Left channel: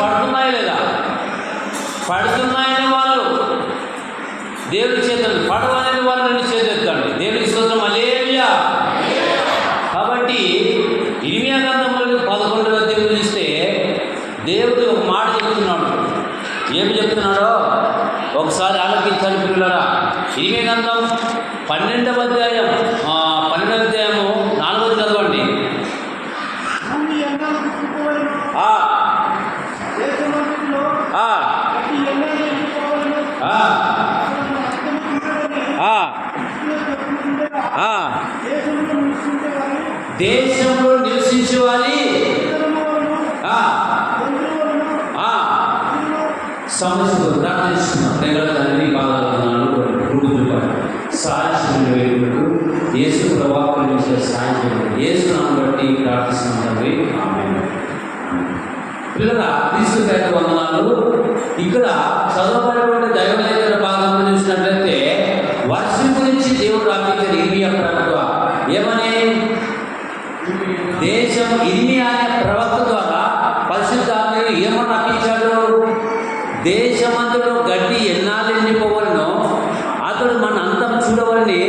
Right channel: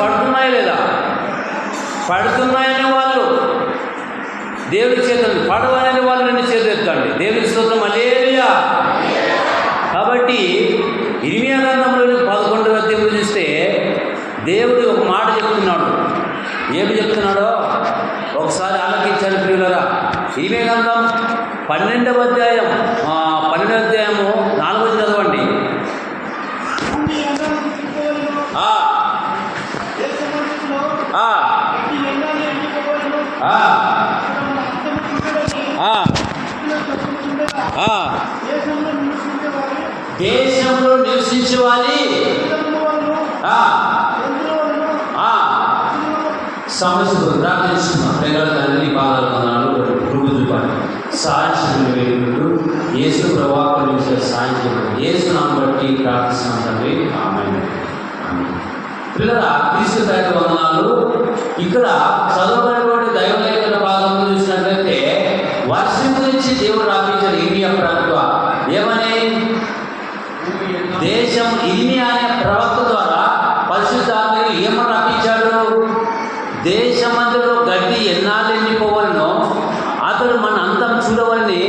పడుతున్నాయా లేదా? పడుతున్నాయని వాళ్ళు దేవుడి చేతులు, పడవని వాళ్ళు రెండు చేతులు ఎత్తండి. దేవుడికి స్తోత్రం, హల్లెలూయా. కాబట్టి ఇర్మీయా గ్రంథంలోని 11వ అధ్యాయం చూస్తే దేవుడు ఒక మాట చెప్తున్నాడు. ఏమి చెప్తున్నాడో ఒకసారి ఆలోచించండి ప్రియులారా. ఇర్మీయా గ్రంథం 12వ అధ్యాయము 4వ చదవండి. దేశంలో నివసించేవారి సమస్య ప్రార్థిస్తున్నాం. ప్రేమల తండ్రి పాదాలు సాయం వేడుకుంటూ యేసు ప్రవాహం నుంచి సాయం యేసునామం బట్టి ప్రార్థిస్తున్నాం తండ్రి, ఆమేన్. పిల్లల తీసుకున్న వందనాలు. ఇక్కడ చదవబడినటువంటి దైవలేఖన భాగంలో చూసినట్లయితే వర్షం గురించి దేవుడు రాపించారు. ఇర్మీయా ప్రవక్త ఏమని, దేశం ఇర్మీయా అనే ప్రవక్త ద్వారా పరిశుద్ధాత్మను ఏమని రాపించాడు? దేశమంతలో గడ్డి ఎన్నాళ్ళు ఎండిపోవలనో అతడు మన అంతం చూడవలని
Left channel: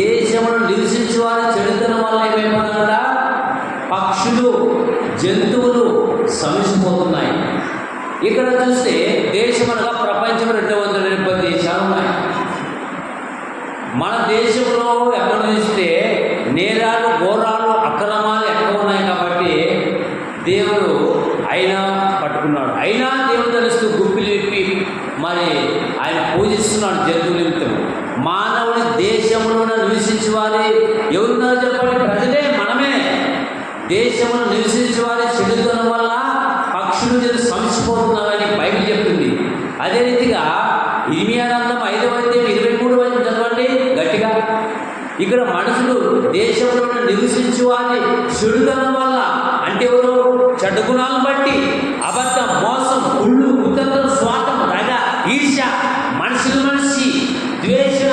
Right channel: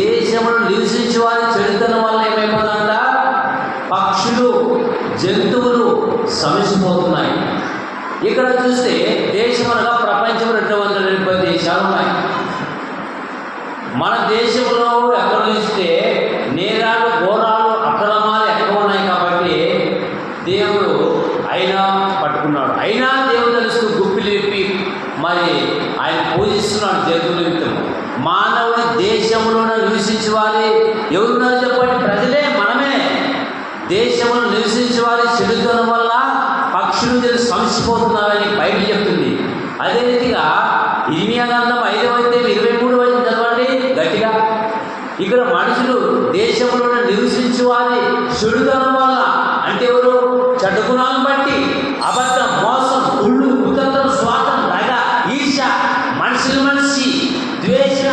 దేశంలో నివసించే వారి చెడుతనం వల్ల ఏమైపోతుందంట, పక్షులు జంతువులు సమసిపోతున్నాయి. ఇక్కడ చూస్తే దేశం అనగా ప్రపంచం 270 దేశాలు ఉన్నాయి. మన దేశంలో ఎక్కడ చూస్తే నేరాలు, ఘోరాలు, అక్రమాలు ఎక్కువ ఉన్నాయి. కాబట్టి దేవుడు అయినా పట్టుకున్నాడు. అయినా దేవుడు తెలుస్తూ గుప్పిలు విప్పి మరి ఆయన పూజిస్తున్నాడు జంతువుల నిమిత్తం. మానవుడి దేశంలోనే నివసించే వారి ఎవరున్నారో చెప్పండి? ప్రజలే, మనమే. దేశంలో నివసించే వారి చెడుతనం వల్ల పక్షులు సమసిపోతున్నారని బైబిల్ చెప్తుంది. అదే రీతిగా ఇర్మీయా గ్రంథం 5వ అధ్యాయం 23వ చదవండి గట్టిగా. ఇక్కడ మనుషులు దేశంలోనే నివసించే వారి చెడుతనం వల్ల, అంటే ఎవరు? చెడ్డ గుణాలను బట్టి, అబద్ధం, మోసం, కుళ్ళు, కుతంత్రం, స్వార్థం, దగ, ఈర్ష్య, మనిషి ద్వేషణ,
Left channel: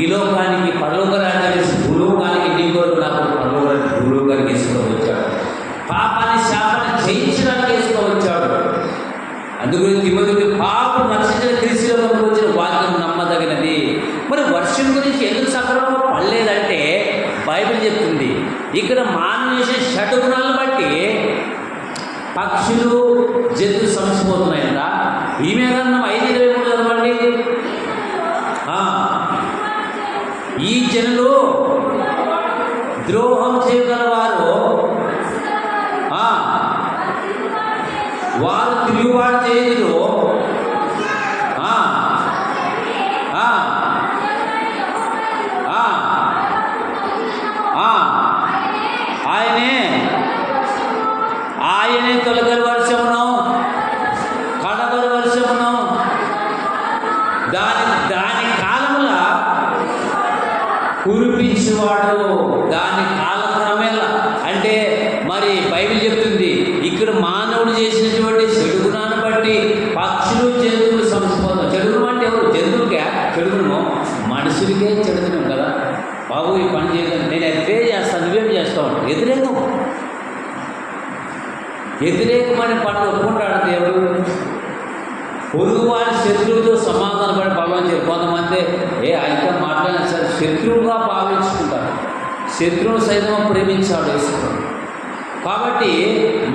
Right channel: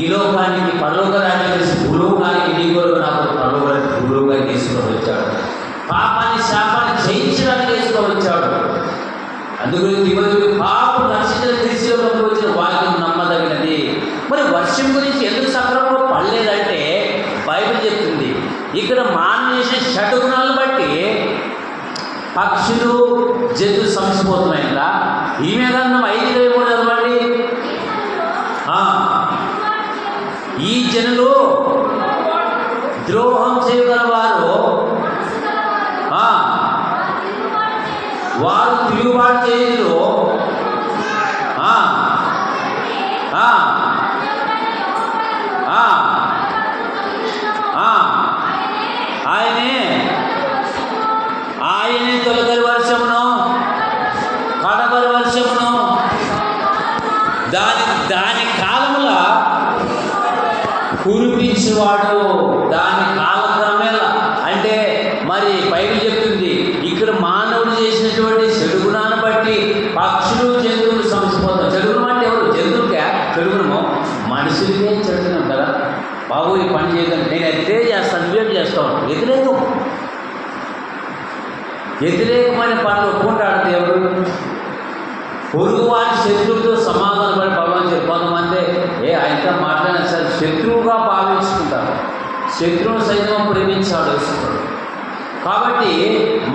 ఈ లోకానికి పరలోక రాజ్యాన్ని భూలోకానికి నీ కొరకు నాకు పరలోకానికి భూలోకాన్ని తీసుకొని వచ్చాడు. పాపాన్ని శాపాన్ని జయించడానికి తీసుకొని వచ్చాడు. అందుకని తిమోతికి పాపం నశించిన క్రీస్తులోకి వచ్చిన వాక్యం నమ్మదగినది. మరి వర్షం గురించి ఎందుకు సక్రమంగా పడలేదంటే బైబిల్ చెప్తుంది. ఇక్కడ మానవ చేసే షడ్గుణాలను బట్టి పక్షులు జంతువులు సమసిపోతున్నాయంట. ఈమె గ్రంథం 5:23 చదవండి. ఈ జనులు ద్రోహం చేయగలవారు, వారు తిరుగుబాటు చేయరు. ఆయనే తొలగరి వర్షమును, కడబరి వర్షమును దాని కాలముల కురిపించేవాడు. దాని కాలక్రమేలా అంటే మరి బైబిల్ చెప్తుంది. ఇక్కడ మానవుడు చేసినటువంటి చెడు గుణాన్ని బట్టి పక్షులు జంతువులు సమసిపోతాం. చెడు గుణం అంటే ఎవరు? జంతువులకే చెడు గుణము, మనుషులకే చెడు గుణం కదా. బాబు ఈ పని చేయదండి, నేను ఎదురే చేస్తాను, నువ్వేం చేస్తావు? వ్యతిరేకమైన పనులు ఒప్పుకుంటాడు దేవుడు. పొరుగు వారి శత్రువుతో సమాధానం పడి భావించారు. కొంతమంది ఆయనతో మాట్లాడిన సరే శత్రువుగా భావించుకుంటారు. శత్రువును సైతం ప్రేమించాడు వేసుకుంటాడు. కాబట్టి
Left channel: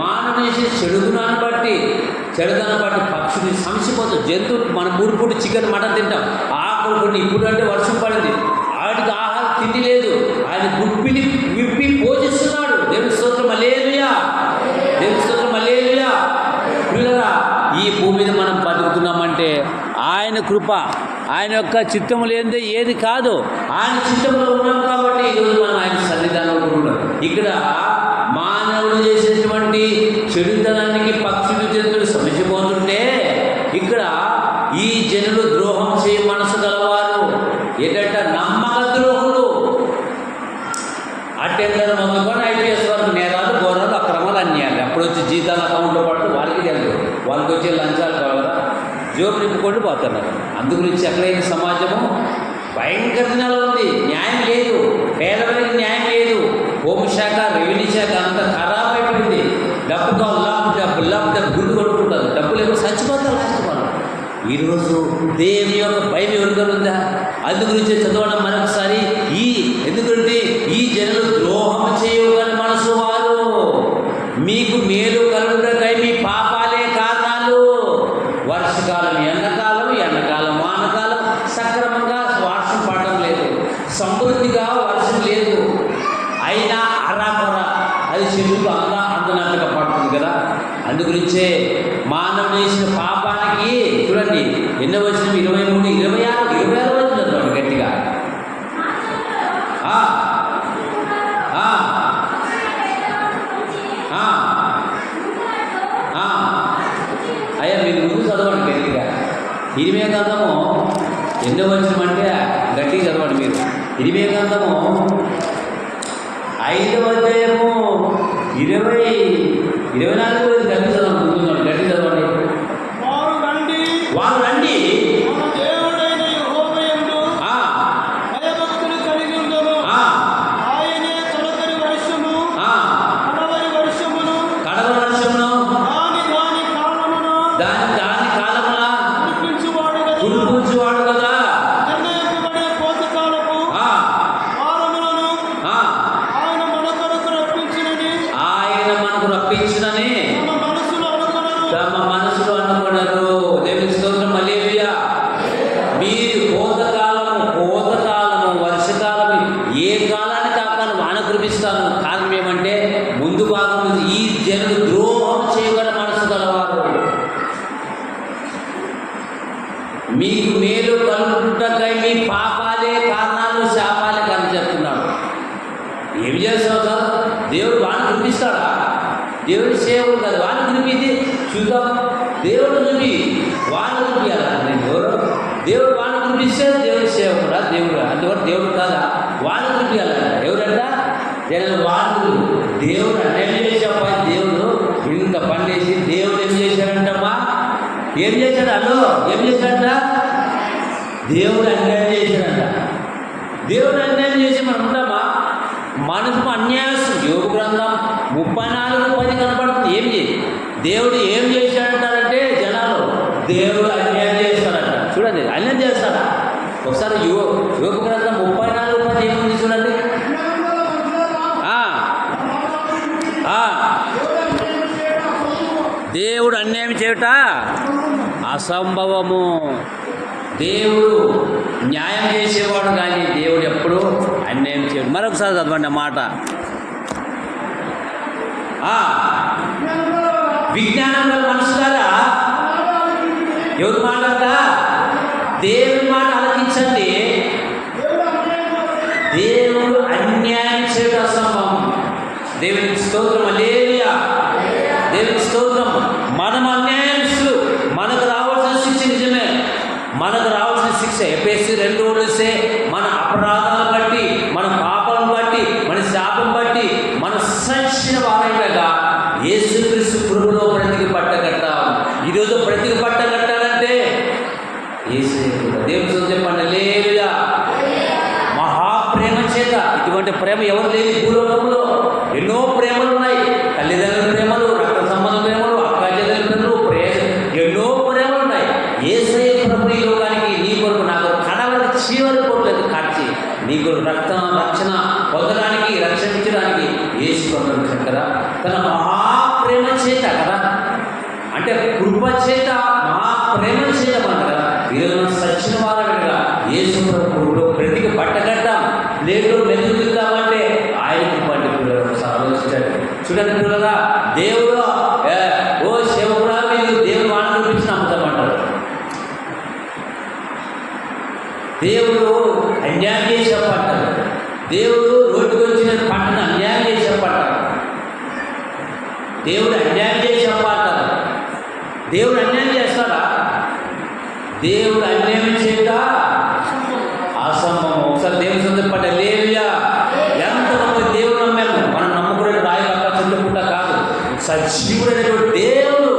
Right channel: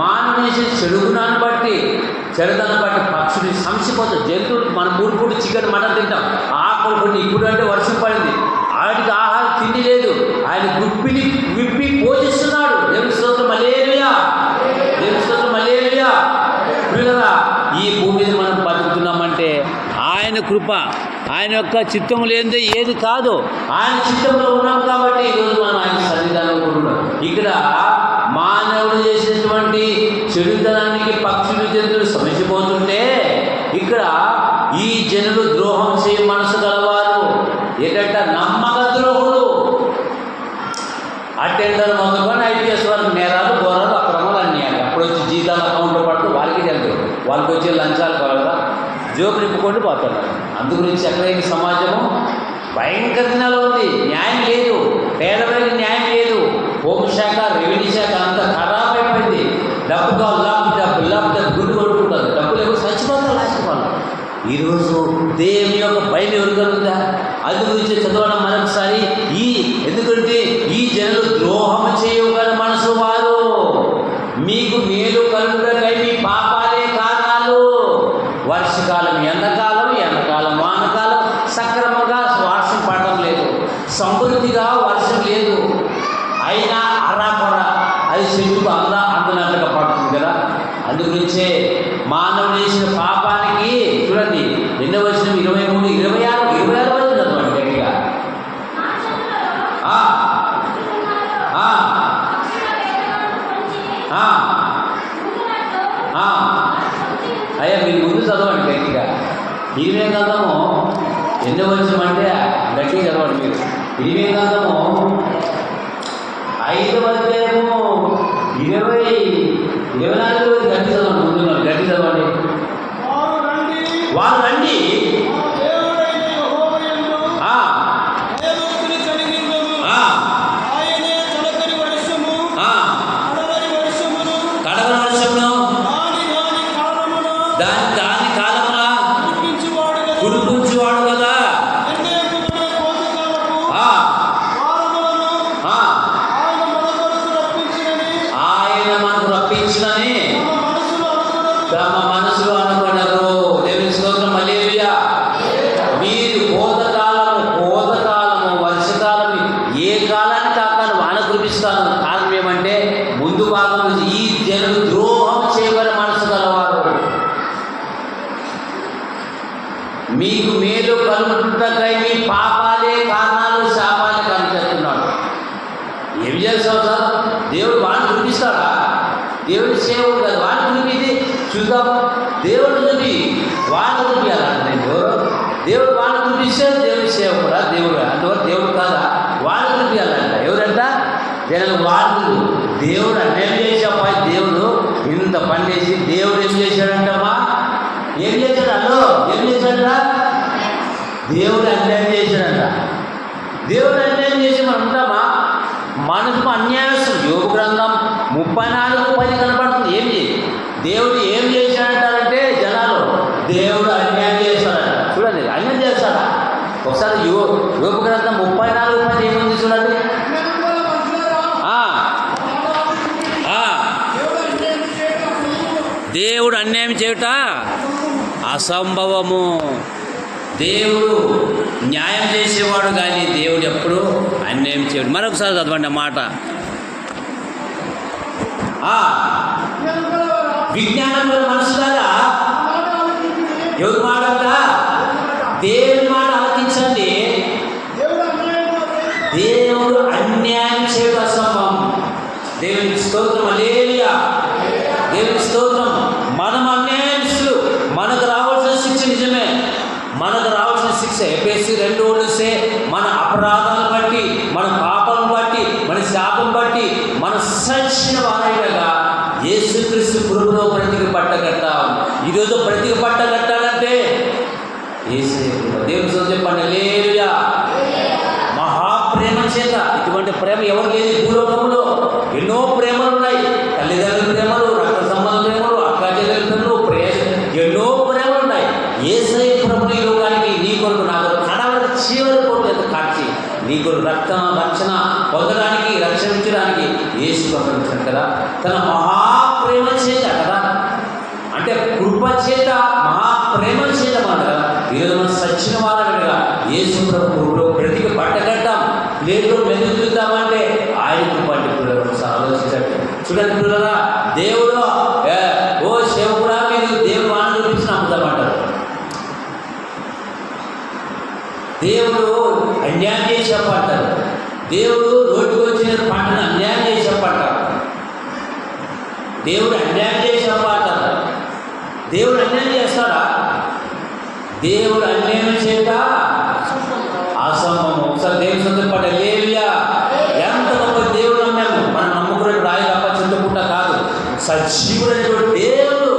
మానవేసి చెడుగుణాన్ని బట్టి, చెడుగుణాన్ని బట్టి పక్షులు సంసిపోతాయి. జంతువులు మనం 3 పూట చికెన్, మటన్ తింటాం. ఆకలి కొన్ని. ఇప్పుడు అంటే వర్షం పడింది, వాటికి ఆహారం తిండి లేదు. ఆయన గుప్పిలి విప్పి పోషిస్తున్నాడు. దేవుని స్తోత్రం, హల్లెలూయా. దేవుని స్తోత్రం, హల్లెలూయా. పిల్లరా, ఈ భూమి మీద మనం బతుకుతున్నామంటే ఆయన కృప, ఆయన యొక్క చిత్తము లేనిదే ఏది కాదు. ఆయన చిత్తంలో ఉన్నాం కాబట్టి ఈరోజు మనం ఆయన సన్నిధానంలో ఉన్నాం. ఇక్కడ మానవుడు చేసినటువంటి చెడుతనానికి పక్షులు జంతువులు సమసిపోతుంటే ఇక్కడ ఈ జనులు ద్రోహం చేయ మనసు గలవారు. ఏంటంటే నమ్మక ద్రోహులు. అటెండర్ మొదలుకొని ఐపీఎస్ వరకు నేరాలు, ఘోరాలు, అక్రమాలు, అన్యాయాలు. అప్పుడు వచ్చి జీతాల అకౌంట్లో పడుతూ వాళ్ళకి తెలుసు. వాళ్ళకి వచ్చే లంచాలు కావాలా, జోబు నింపుకొని పోతున్నారు. అందుగురించి ఎక్కడైనా సమాజము భయంకర దినాలు ఉంది. న్యాయం లేదు, పేదవాడికి న్యాయం లేదు. హోంశాఖ, రెవెన్యూ శాఖ అంతా ఖరాబ్ అయిపోయింది. డబ్బు కావాలి, లేకపోతే గుండు కొట్టుకుంటారు. డబ్బు లేకపోతే చచ్చిపోతారు లాస్ట్ వాళ్ళు. ఈరోజు దేవుని యొక్క భయం ఎవరికలుందా? అందు గురించి చదవడం మరొకసారి. ఎందుకంటే ఈ జనులు ద్రోహం చేయగల మనసు వారు, మీకు మేలు కలుగుటకై మీ పాపాలే కారణాలు. వర్షకాలం ఎండాకాలం, ఎండాకాలం వానకాలం, సక్రమంగా వర్షం పడటం లేదు, సమృద్ధిగా వర్షం లేదు. అయినా అరాకొర అది చెట్టుకు అంతనంతగా పడుతుంది కదా. అందుగురించే మానవుడు చేసిన పాపానికి చూడండి ఎన్నో వచ్చిన 23, 26 వచ్చింది అన్నమాట గట్టిగా. అయ్యా మీరు ముందు చదవండి గట్టిగా. 20 గ్రంథము ఎన్నో వచ్చినమంటే గట్టిగా చదవండి మీరు. 20 గ్రంథము 5వ అధ్యాయము 24 గట్టి చదవండి. ముందున్నాడు గట్టి చదవండి. వారు రండి కడవరి వర్షమును దాని కాలములా కురిపించువాడు కదా. ఆయన మనకు రప్పించునని తమ మనసులో అనుకున్నారు. దేవుని స్తోత్రం. హల్లెలూయా. మీరు కోతకాలము వర్షకాలము ఏ కాలానికి ఆ కాలం వాన కురిపిస్తాను. కారణం ఏమంటే ముందు భాగంలో ఈ జనులు ద్రోహం చేయగల మనసు గలవారు, మీకు మేలు కలుగుతుంటకై మీ పాపాలే కారణాలు, శాపాలే కానీ చెప్తున్నాడు. ఏం చేస్తావు సార్? దేవుడు వాడిని కురిపిస్తాడా? దేవుడు సేవకుడు కాదు, వాడిని కురిపించి చూద్దాం. దేవుడు నుంచి వాడిని కురిపించాలంటే ఎవరు? దేవుడు వాడిని కురిపిస్తే దేవుడి సేవకుడా? దేవుడు అందువల్ల దేవుడు కాదా? వాడిని కురిపించాలంట. ఎవరంట? జనాలు వాళ్ళు. దేవుడు అన్యాయం చేసేపై దేవుడు ఇంత పని చేసి దేవుడు ఏం చేశాడంటమ్మా? ఏం చేశాడు? ఏం చేశాడంట? దేవుడు అన్యాయం చేశాడంట. దేవుడు అన్యాయం చేసి మనం ఉంటామా? మనసు అన్యాయస్తుడు. యోగ గ్రంథం 34:10 కనపడుతుంది. దేవుడు ఏం చేశాడంటారంటే జనాలు దేవుడు అన్యాయం చేస్తాడట. చూడండి, అన్యాయం చేస్తాడా? ఒకసారి యోగ గ్రంథం 34:10 ఏముంది చూడండి. దేవుడు అన్యాయం చేయుట అసంభవము. దేవుడు న్యాయం చేసేవాడు కానీ దేవుడు ఎప్పుడు అన్యాయం చేయడు. మరొకసారి చదవండి మాట. విజ్ఞానం గల మనసు కదా ఎవరి మాట అంట? దేవుని మాట ఆలకించండి. దేవుడు అన్యాయం చేయడం అసంభవం. దేవునికి స్తోత్రం. హల్లెలూయా. దేవునికి స్తోత్రం. మనం అన్యాయస్తులు. మనకు రావాల్సిన శిక్ష నిజమే, మనకు రావాల్సిన శిక్ష ఎఫెసీ 2:2 మన అపరాధాలను బట్టి, మన పాపం బట్టి, మన శాపం బట్టి మన సచ్చిన వారైనగా యేసుక్రీస్తు పురుగులో బ్రతికి పట్టగట్టాం. ఈరోజు బ్రతికి పట్టగట్టాలంటే దేవుని స్తోత్రం చెప్పండి. హల్లెలూయా. మహాప్రేమ చేత, ఇటువంటి ప్రేమ ఎవరు లేదు భూలోకంలో. ఎన్నో ప్రేమలు ఉన్నాయి. తల్లిదండ్రుల ప్రేమలు, రక్త సంబంధ ప్రేమలు, అక్క చెల్లెల ప్రేమలు, ఎన్నో ప్రేమలు ఉన్నాయి. యేసయ్య ప్రభుని ఈ లోకానికి నీ కొరకు నా కొరకు కడవరికి చీవరి కోట్లేదు కాచి నీ కొరకు రక్షణ పొందడానికి, రక్షించడానికి యేసు ప్రభుత్వం కదా. తన మహాప్రేమ చేత కదా, అంటే కృప చేత, మహాప్రేమ చేత మనం కదా ఈరోజు మనం సచ్చిన వారనగా యేసు ప్రభువులో బ్రతికి పట్టగట్టాం. లేదో మెరుగుతామంటే ఆయనకు పట్టి పిల్లలు ఒకసారి ఆలోచించండి. చూడండి పిల్లరా, దేవుడు ఓ సేవకుడా మీరు దేవుడు వాడిని చూపించి నమ్ముతామంటారు. దేవుడు అన్యాయం చేసి చెప్పంటారు. దేవుడు రోడ్డుకు వచ్చిన పంటను అన్యాయం చేసి చెప్పంటారు. దేవుడు అన్యాయం చేసి చెప్పంటారు. దేవుడు అన్యాయం చేస్తాడా? దేవుడు అన్యాయం చేయక అసంభవం. ఒకసారి దేవుడు చెప్పండి. హల్లెలూయా. ఎంత గొప్ప దేవుడు నమ్మాము. మనం నమ్ముకునే రాయి తప్ప చుట్టుకుంటా కాదు, సజీవుడైనటువంటి దేవుడు.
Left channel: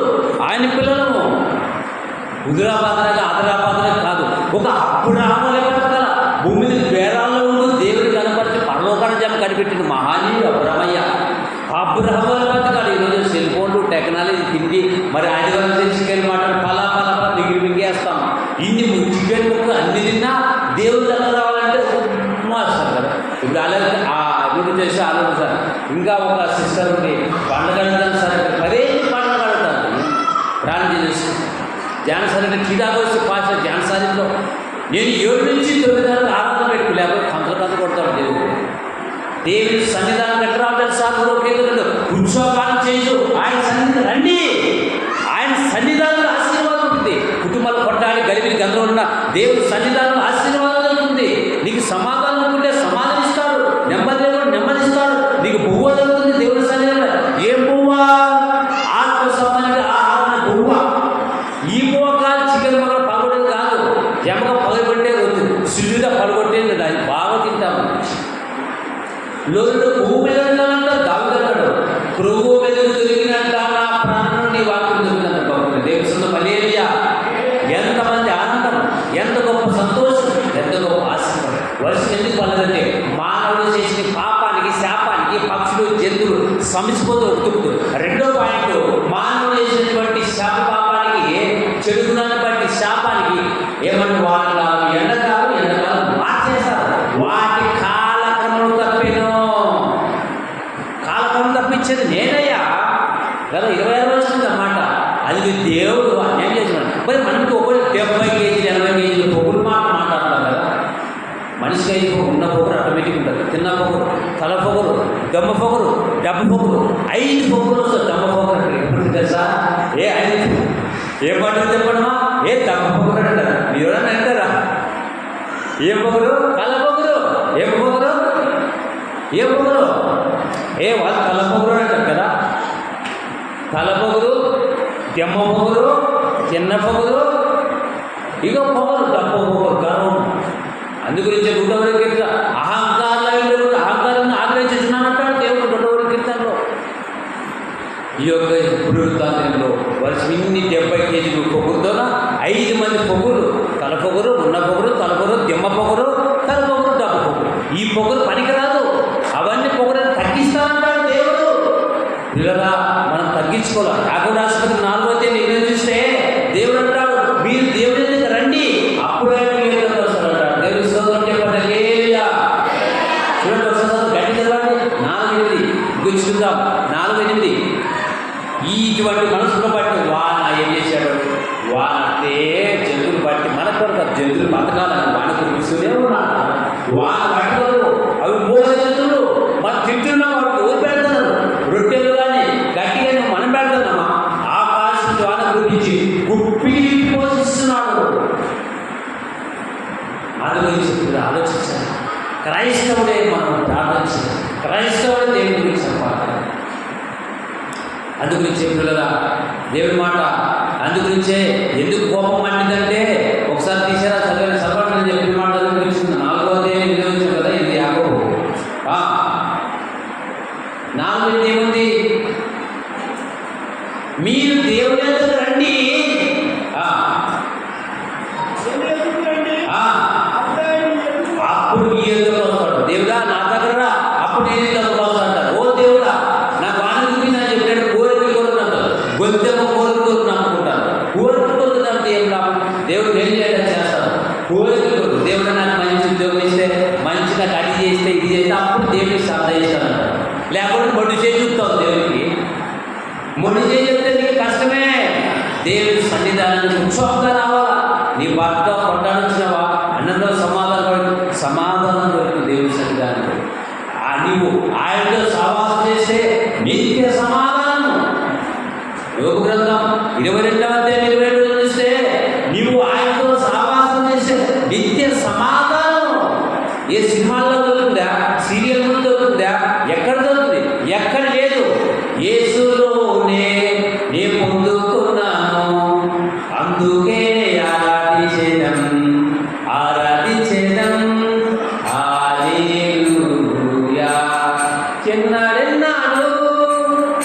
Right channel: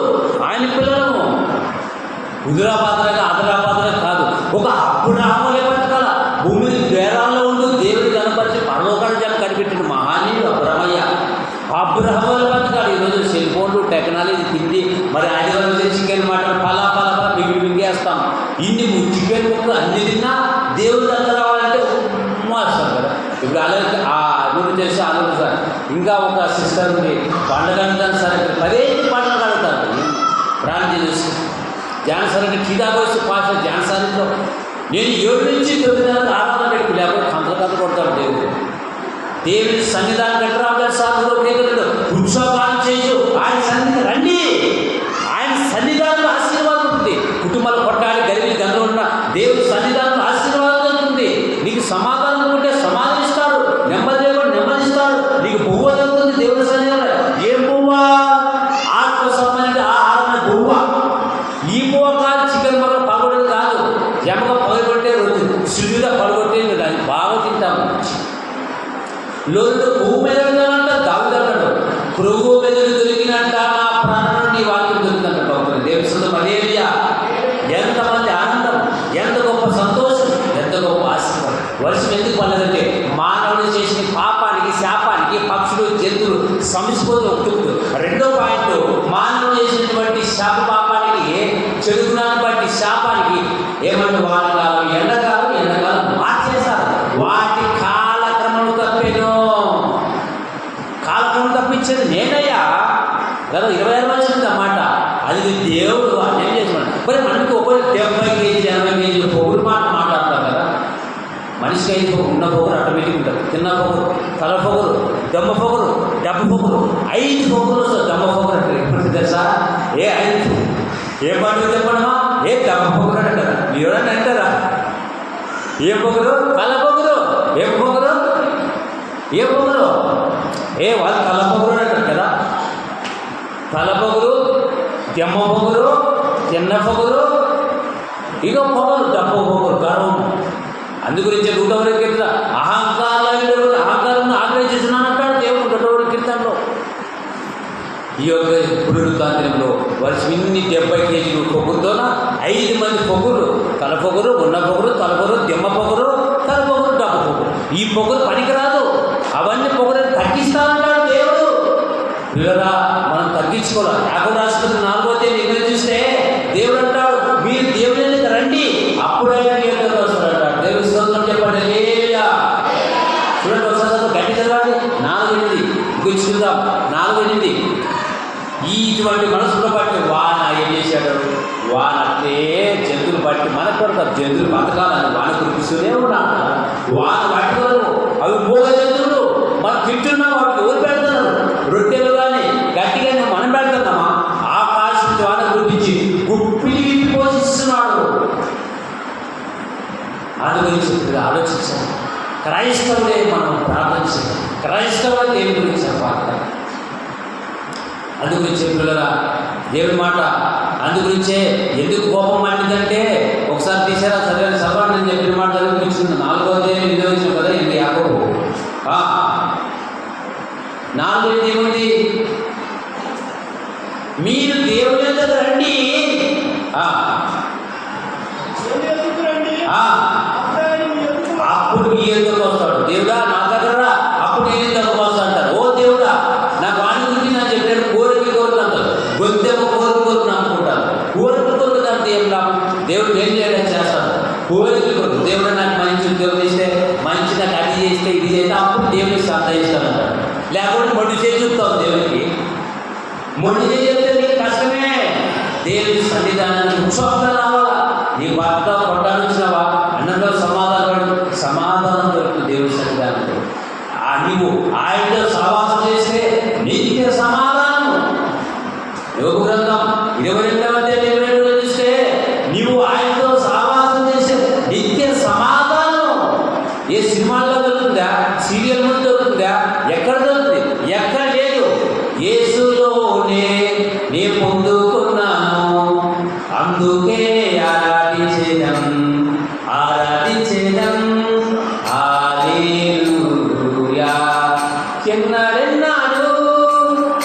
ఆయన పిల్లలము ఉదరాపాత్రగా అదరాపాత్రగా కాదు. ఒక అబ్రాహాములే పట్టగల భూమి మీద బేరాల్లో ఉంటూ దేవుడి కనపరిచి పరలోకాల జనం కనిపెట్టిన మహానీయుడు అబ్రహ్మయ్య. అబ్రహముల బతకాలి. ఈరోజు సెల్ ఫోన్లు టెక్నాలజీ తిండి మరి ఆదివారం చికెన్ మటన్ ఫలా ఫలా మింగేస్తాం. ఇన్ని చికెన్ ముక్క అన్ని తిన్నా దేవుని దగ్గర రావాలంటే వస్తారు కదా. ఇప్పుడు అలాగే ఆ అభివృద్ధి చేసి ఆలోచిస్తారు. ఇంకా ఒక సిస్టర్ ఉంది, పండుగ అడుగుతాను సార్, మరే పండుగ అడుగుతారు ప్రాణం చేస్తూ జాన్సార్ అంటే కిదాకు వచ్చి పాస్ జాన్సారిలో నేను 7 నుంచి 9 దాకా ఆరాధన పెట్టుకు, లేకపోతే కంతలు కొడతాను. దేవుని సన్నిధానం కట్టరావడానికి సాధులో కేంద్రంలో ఉత్సవాలు చేయు, ఆయన సన్నిధి రండి. ఆయన సన్నిధానంలో ఆశీర్వాదం ఉంటుంది. కుటుంబాలు కొట్టాలి, గలిబిలి గంధం ఉన్న దేవుని సన్నిధానంలో ఆశీర్వాదం ఉంటుంది. నీకు సమాధానం ఉంటే సమాధానిస్తాడు, నెమ్మది లేకుండా నెమ్మదిస్తాడు. నీకు బువ్వ జరుగుతుంది దేవుని సన్నిధానంలో. ఏం బువ్వ? ఆత్మ సంబంధించిన ఆహారం బువ్వ. ఈ బువ్వ కాదు, చికెన్ మగ పగొట్టేది కాదు, ఎమక పగబట్టే రోజు శుద్ధిగా పగొట్టేది అది బాగా తింటాము. లోతుడు పువ్వు మీద అంటారు, దావిదంటాడు పురుగు మీద దొరికినట్ట నా ప్రాణం నీ వాక్యం దొరికిందంట భక్తులు. దేవుని సొంత మలేరియా. ఎంతమంది ఆనందం, ఎంత గొప్ప సంతోషం, ఎంత గొప్ప ఆశీర్వాదం. వర్షం ఎందుకు పడలేదంటే మానవుడు చేసిన పాపానికి శాపానికి పక్షులు జంతువులు సమిసిపోతూ ఒప్పుతూ. రెండో పాయింట్, మానవుడు చేసినటువంటి శాప పాపానికి చెడుగుణాన్ని బట్టి శాపానికి ఏమన్నా వానకాలం ఎండకాలం మార్చేస్తారు. వాటి కాలక్రమం తప్పేను. కాలక్రమం తప్పించేది నేనయ్యా కదా. 26 వచ్చింది అన్నమాట. అది దేవుడు ఏం చేసేవాడు. మరి మనకి ఒకటి 70 కేజీలు 80 కేజీలు పొగులు మాట్లాడతాం కదా. మనిషికి అయితే ఉన్న పొగరు ఆటోమేటిక్ ఉంటుంది. తిన్న పొగరు, తల పొగరు, దమ్మ పొగరు, డబ్బు పొగరు, 5 పొగరు వస్తుంది. దమ్మ పొగరు అంటే ఎప్పుడు తెలుసా? 5 ఏ పండుగ చెప్పడమా? దమ్మ పొగరు అంటారు. మీరు ఎవరైనా అంటారా? ఏం పొగరు? తల పొగరు. ఏం పొగరు? వాళ్ళు తల పొగరు అంటారు కదా. తల పొగరు, దెమ్మ పొగరు, తిన్న పొగరు, ఇక పొగరు, డబ్బు పొగరు, గర్వం. అందుగురించి 101 కీర్తన అహంకారాన్ని ఆగ్రహిస్తున్నానంటాడు దేవుడు 101 కీర్తనలో. ఈ యొక్క పునరుత్థానంలో వర్షం ఇన్ని 70 కేజీలు పొగురుతోన 5 మంది పొగురు, తల పొగురు, ఉన్న పొగురు, తల పొగరు, దెమ్మ పొగరు, తల పొగరు, డబ్బు పొగరు. ఈ పొగరు పనికిరాదు. అవన్నీ పొగరు తగ్గిస్తానంటాడు దేవుడు. పిల్లరా మనం తగ్గించుకోవాలి. యాకోబు రాష్ట్రపతి 4వ అధ్యాయం చూస్తే దేవుడు అంటాడు, మీరు దేవుడి దగ్గర రండి, అప్పుడు ఆయన మీ దగ్గరకు వస్తాడంటాడు. దేవుడి స్తోత్రం చెప్పండి. హల్లెలూయా. చూడండి ఒకసారి గట్టి చదవండి. 4:8 గుర్తుందాం. 4:8 ఇటువంటి మనసులో బట్టి వాన ఏం చేశాడు? వాన అంటే జంతువులు బట్టి మనకు కూడా జంతువులు బతకాలని వాన కురిపిస్తూనే ఉన్నాడు. వాన పట్టుకోరు, అవి పోయే జంతువులు. మనం తింటున్నాం, వాటికి ఎవరు పెడతారు? రొట్టెలు కానీ గట్టి కానీ మనం పెడుతున్నామా? ఆకాశం వాన గురించి గుప్పి పోషిస్తున్నాడు. అందు గురించి ఆలోచించాలి. క్రైస్తవుడే మనం ప్రార్థన చేయాలి. క్రైస్తవుడే దేవుని గురించి చెప్పాలి. అందుగురించి పిల్లల దేవుడి మాట. అందుగురించే ఎందుకు కోపం మండిదంటే ఒకసారి తీసారా చదివాను సభను నేను చెప్పిన మాట చదివించింది. 4వ అధ్యాయం 8వ వచనం కదా. ఇది యాకోబు 4:8 ఏముంది? మీరు దేవుడి దగ్గర రండి, అప్పుడు మీ ఎదురుకు వస్తాడు. దేవుడా నా దగ్గర రా, అప్పుడు నేను దగ్గరకు వస్తా అంటాడు. ఓ దేవుడా నాకు వాని గురించి నాకు చెప్పినట్టు కోరికలు అంటారు. గొంతెమ్మ కోరికలు నమ్ముకుంటాను. కోరికలు నాకు ఏం లాభం? దేవుడు ఏం చేయడం చేస్తాడు. కోరికలు దేవుడు నాకు మంచి ఉద్యోగం ఇస్తే, మంచి నాకు అది చేస్తే, ఇది చేస్తే, అప్పుడు దేవుడికి శ్రద్ధ చేస్తానంటాడు. లేకపోతే మొండి చేసి చూపుతావు దేవుడికి. మొండి చేసి చెప్తే నీకు కష్టమే. దేవుడి సన్నిధానానికి ఉత్సాహంగా రావాలా. నీ భర్తతో కొట్టాను వచ్చినావా, అన్నంలో సమాధానం దొరుకుతుంది దేవుడి సన్నిధానంలో. నీవు ఆయనతో సహవాసం చేస్తే నిత్య సమాధానం. యోగ గ్రంథం 22వ అధ్యాయం 22 చూస్తే నీవు ఆయనతో సహవాసం చేస్తే నిత్య సమాధానం. ఏ సినిమాల్లో దొరుకుతుందా? సీరియల్ ముందు దొరుకుతుందా? ఎక్కడ దొరుకుతుంది? ఎక్కడ లేదు. యేసులోనే నే పొందుకున్నాను, అందుకే ఆరాధించేదం. ఎన్నడెన్నాడు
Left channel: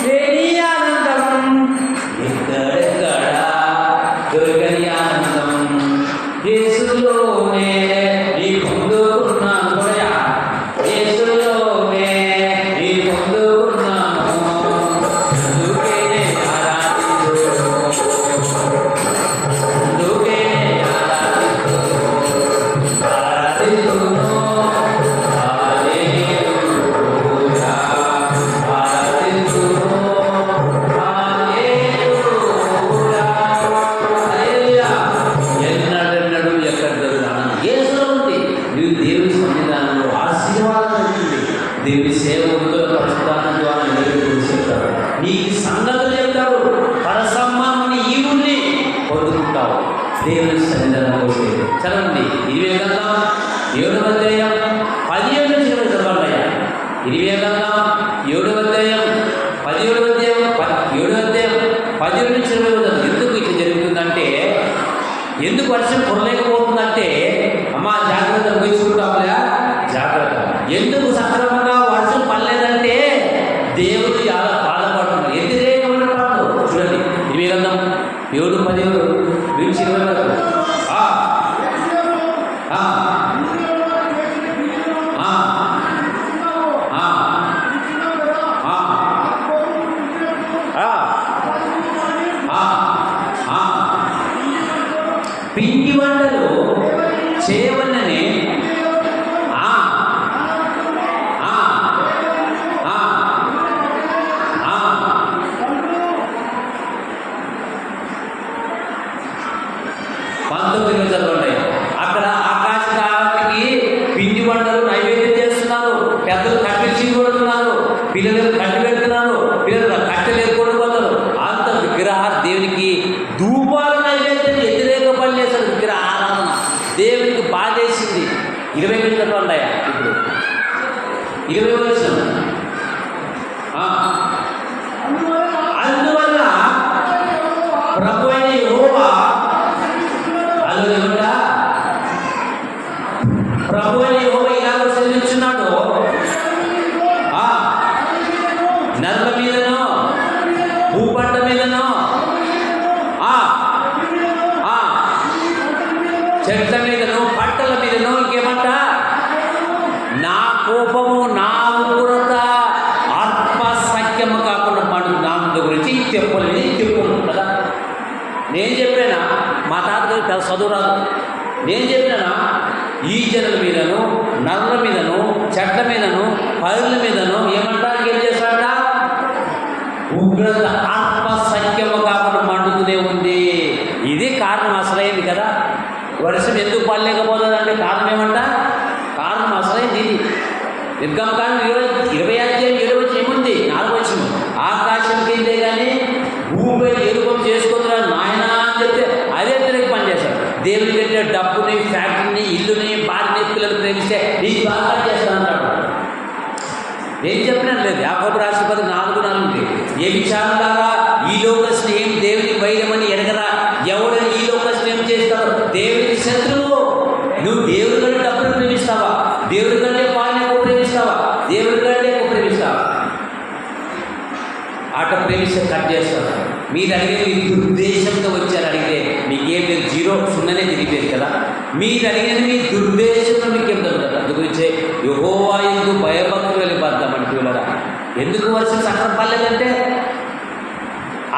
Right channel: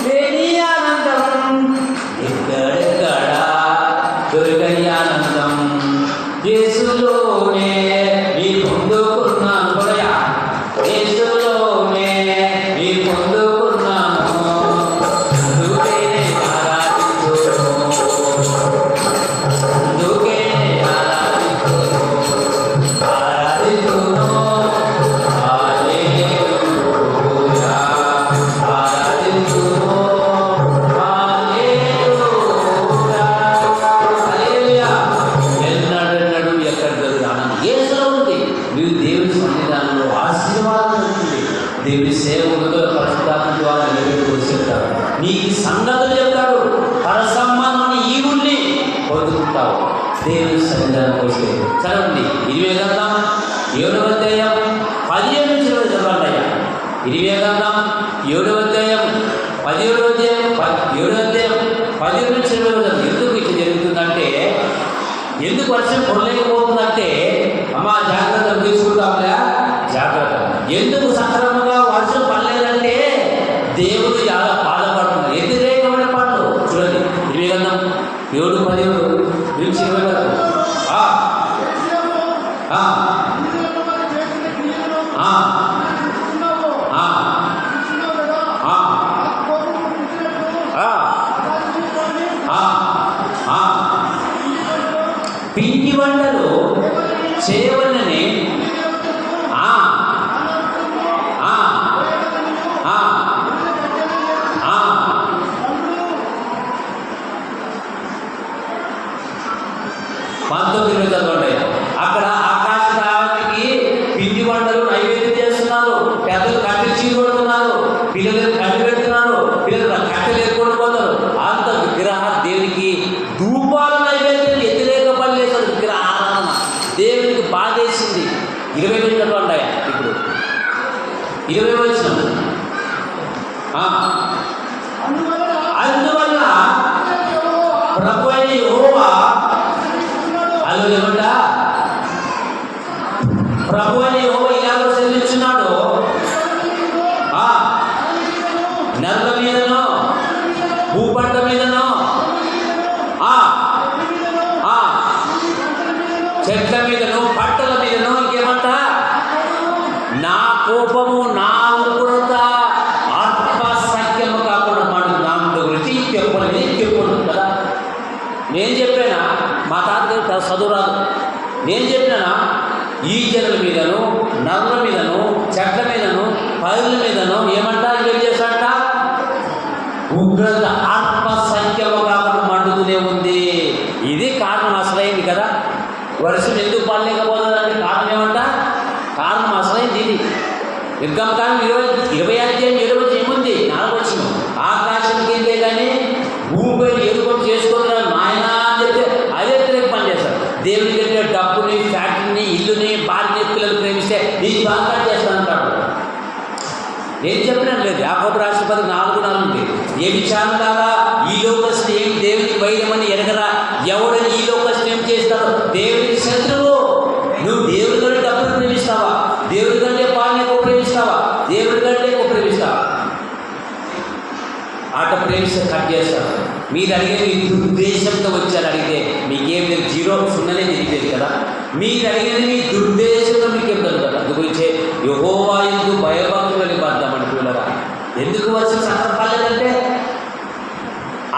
లేని ఆనందం, ఎక్కడెక్కడ దొరకని ఆనందం, యేసులోనే నీ పొందుకున్నాను. యేసులోనే నీ పొందుకున్నాను, సేవకులతో పరిశుద్ధాత్మ ద్వారా నిలబెట్టి చెప్తాడు. నీకు సంగతులు చెప్తాడు. పరసమ్మాన్ని ఈవుల్ని పొందుకుంటావు దేవుని సన్నిధానం వస్తే. చదవండి 20 గ్రంథం 7వ అధ్యాయం 17 నుంచి 20 చదవండి అయ్యా. 20 గ్రంథం 7వ అధ్యాయం 17వ అధ్యాయం 7వ అధ్యాయం 17 నుంచి 20 ఎందుకు ఇది జరుగుతుందంటే, ఎందుకు వర్షం కురలేకపోతుందంటే, అమ్మ జాగ్రత్త తీసుకుంటాంలే, జాగ్రత్త. ఎందుకు సక్రమంగా వర్షం పడలేదంటే దేవుడు చాలా బాధపడుతున్నాడు. వ్యతిరేకమైన పాటలు చూడండి. 20 గ్రంథం 7:17 నుంచి 20 వరకు. పిండి వంటలు చేయవలనని పంతొమ్మిది చదవండి. అక్కడ ఆకాశానికి పిండి వంటలు నైవేద్యం చేస్తున్నారు. పెద్దలు కట్టించి కొడుతున్నారు, పిల్లలు కట్టి పెడుతున్నారు, పిల్లలు కట్టెలు ఎత్తుకుంటుపోతారు. అంత విగ్రహ దేవునికి ధూపాలు నైవేద్యం వ్యతిరేక పని చేస్తారు. విగ్రహ ఆరాధన దేవునికి బాధేసింది. 20 చదవండి. ఇప్పుడు 20 వచ్చిన అందువల్ల ప్రభు అయిన యెహోవా ఏమంట, ప్రభు అయిన యెహోవా ఇలాగో సెలవిస్తున్నాడు, నరుల మీదనో భూపంట మీదనో చెట్ల మీదనో పంటల మీదనో ఇంకేమంట, నా కోపము నా ఉగ్రత ఆత్మసఖ్యము కాకుండా పండు దాని గురించి చెప్పలేదు కదా. నేను చెప్పానా, మా తాతగారు చదువు రాదు, నేను చెప్పినా ఈ జనుల మీదను నరుల మీదను చెట్ల మీదను పైర్ల మీదను ఏమంటా ఏం చేస్తాడ, ఉగ్రత ఆత్మసఖ్యము కాకుండా మండుతూనే ఉంది. ఇది కారణం అసలైంది కదా. వర్షం ఎందుకు పడలేకపోతుందంటే కారణం ఏమంట, కారణం అసలైంది ఇది. నిర్గమకాండం 20 అధ్యాయం 7 వచ్చి ఏముంది, 4 వచ్చిన ఆకాశం కిందే కానీ భూమిపై ఏలుపం చేసుకుంటున్నా నాయనా అని చెప్తే అదే తిరిగి పనిచేస్తారు. దేవుని కట్టే డబ్బుని, ఫ్యాక్టరీని, ఇల్లుని, భార్యని, పిల్లలు ప్రేమిస్తే నీకు బాగా చేస్తాను అంటాడు. నేను చెప్పినాను లేదు. యాకోబు రాసిన 4:4 ఏ విచారణలారా ఈ లోక స్నేహం దేవునికి వైరమని ఎరగరా, ఎవడని ఈ లోక స్నేహం చేస్తావు దేవునికి శత్రువు. నువ్వు దేవుడి కంటే డబ్బులు ప్రేమిస్తావా, దేవుడి కంటే పాలన ఎక్కువ ప్రేమిస్తావా, దేవుడి కంటే ఎక్కువ ప్రేమిస్తావా? ఆట ప్రేమిస్తే కట్ చేస్తారు. మీరు అడిగే మీ దుర్దేశంతో వచ్చారు. అడిగితే మీకేం లేదు, 0 తిరిగిపోయింది కదా. మీరు అడిగేది మీ దుర్దేశంతో మీకేం దొరుకుతుంది. అందుగురించే యెహోవా యందు భయభక్తులు వెళ్ళిపోద్దామని పిల్లరా. ఎందుకు వర్షం సక్రం పడలేదంటే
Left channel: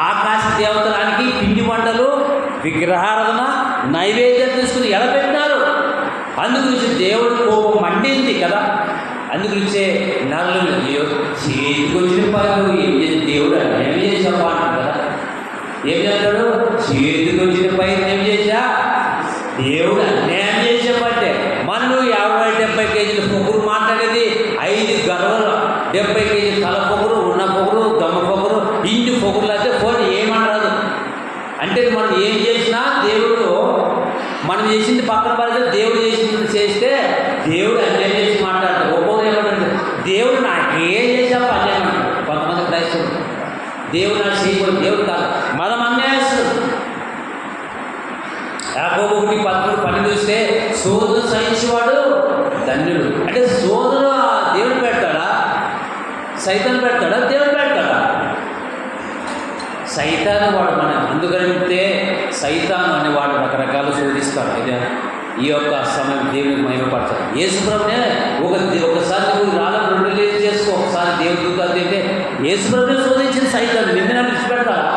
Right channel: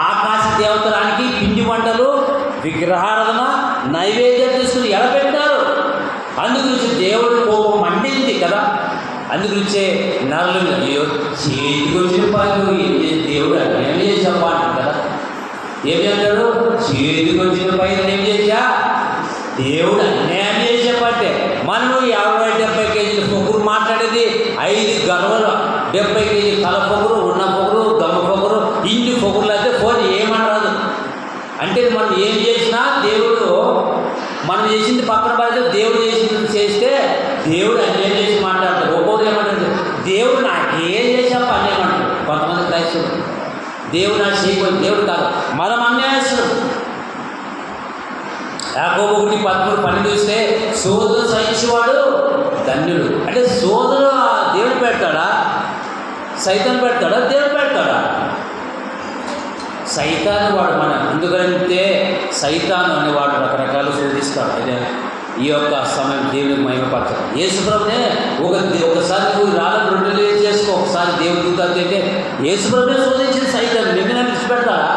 ఆకాశ దేవతలానికి పిండి వంటలు విగ్రహారాధన నైవేద్యం తీసుకుని ఎలా పెట్టినారు. అందుగురించి దేవుడు కోపం మండింది కదా. అందుగురించే నరులు చేతికి వచ్చిన పనులు దేవుడు అన్యాయం చేసి చెప్పాలంటారు కదా. ఏం చెప్తాడు, చేతికి వచ్చిన పైన ఏం చేసా దేవుడు అన్యాయం చేసి చెప్పంటే. మనము 50-70 కేజీల పొగురు మాట్లాడేది 5 గర్వలు 70 కేజీ తల పొగురు, ఉన్న పొగురు, దొమ్మ పొగురు, ఇంటి పొగురులు అయితే ఫోన్ ఏమనరాదు. అంటే మనం ఏం చేసినా దేవుడు మనం చేసింది పక్కన పడితే దేవుడు చేసింది చేస్తే దేవుడు అన్యాయం చేసి మాట్లాడతాడు. ఒక్కొక్కరు ఏమంటాడు, దేవుడు నాకేం చేసాప అన్యాయమంటాడు. కొంతమంది క్రైస్తవులు దేవుడు నాకు చేయకపోతే దేవుడు కాదు, మనం అన్యాయస్తుడు. యాకోబు 1:13-12 చూస్తే సోదరు సహించేవాడు ధన్యుడు. అంటే సోదరు దేవుడు పెడతాడా, సైతాన్ పెడతాడా, దేవుడు పెడతాడా? సైతాను వాడు మన ఎందుకంటే సైతాను అనేవాడు రకరకాలు శోధిస్తాడు. అయితే ఈ యొక్క సమయం దేవుని మహిమపరచాలి. యేసుప్రభునే ఒకసారి నువ్వు రాళ్ళను 2 రేలు చేసుకో, ఒకసారి దేవుడు దూతాలు చెప్తే యేసుప్రభునే శోధించింది సైతాను. నిన్న విడిచిపెడతాడా?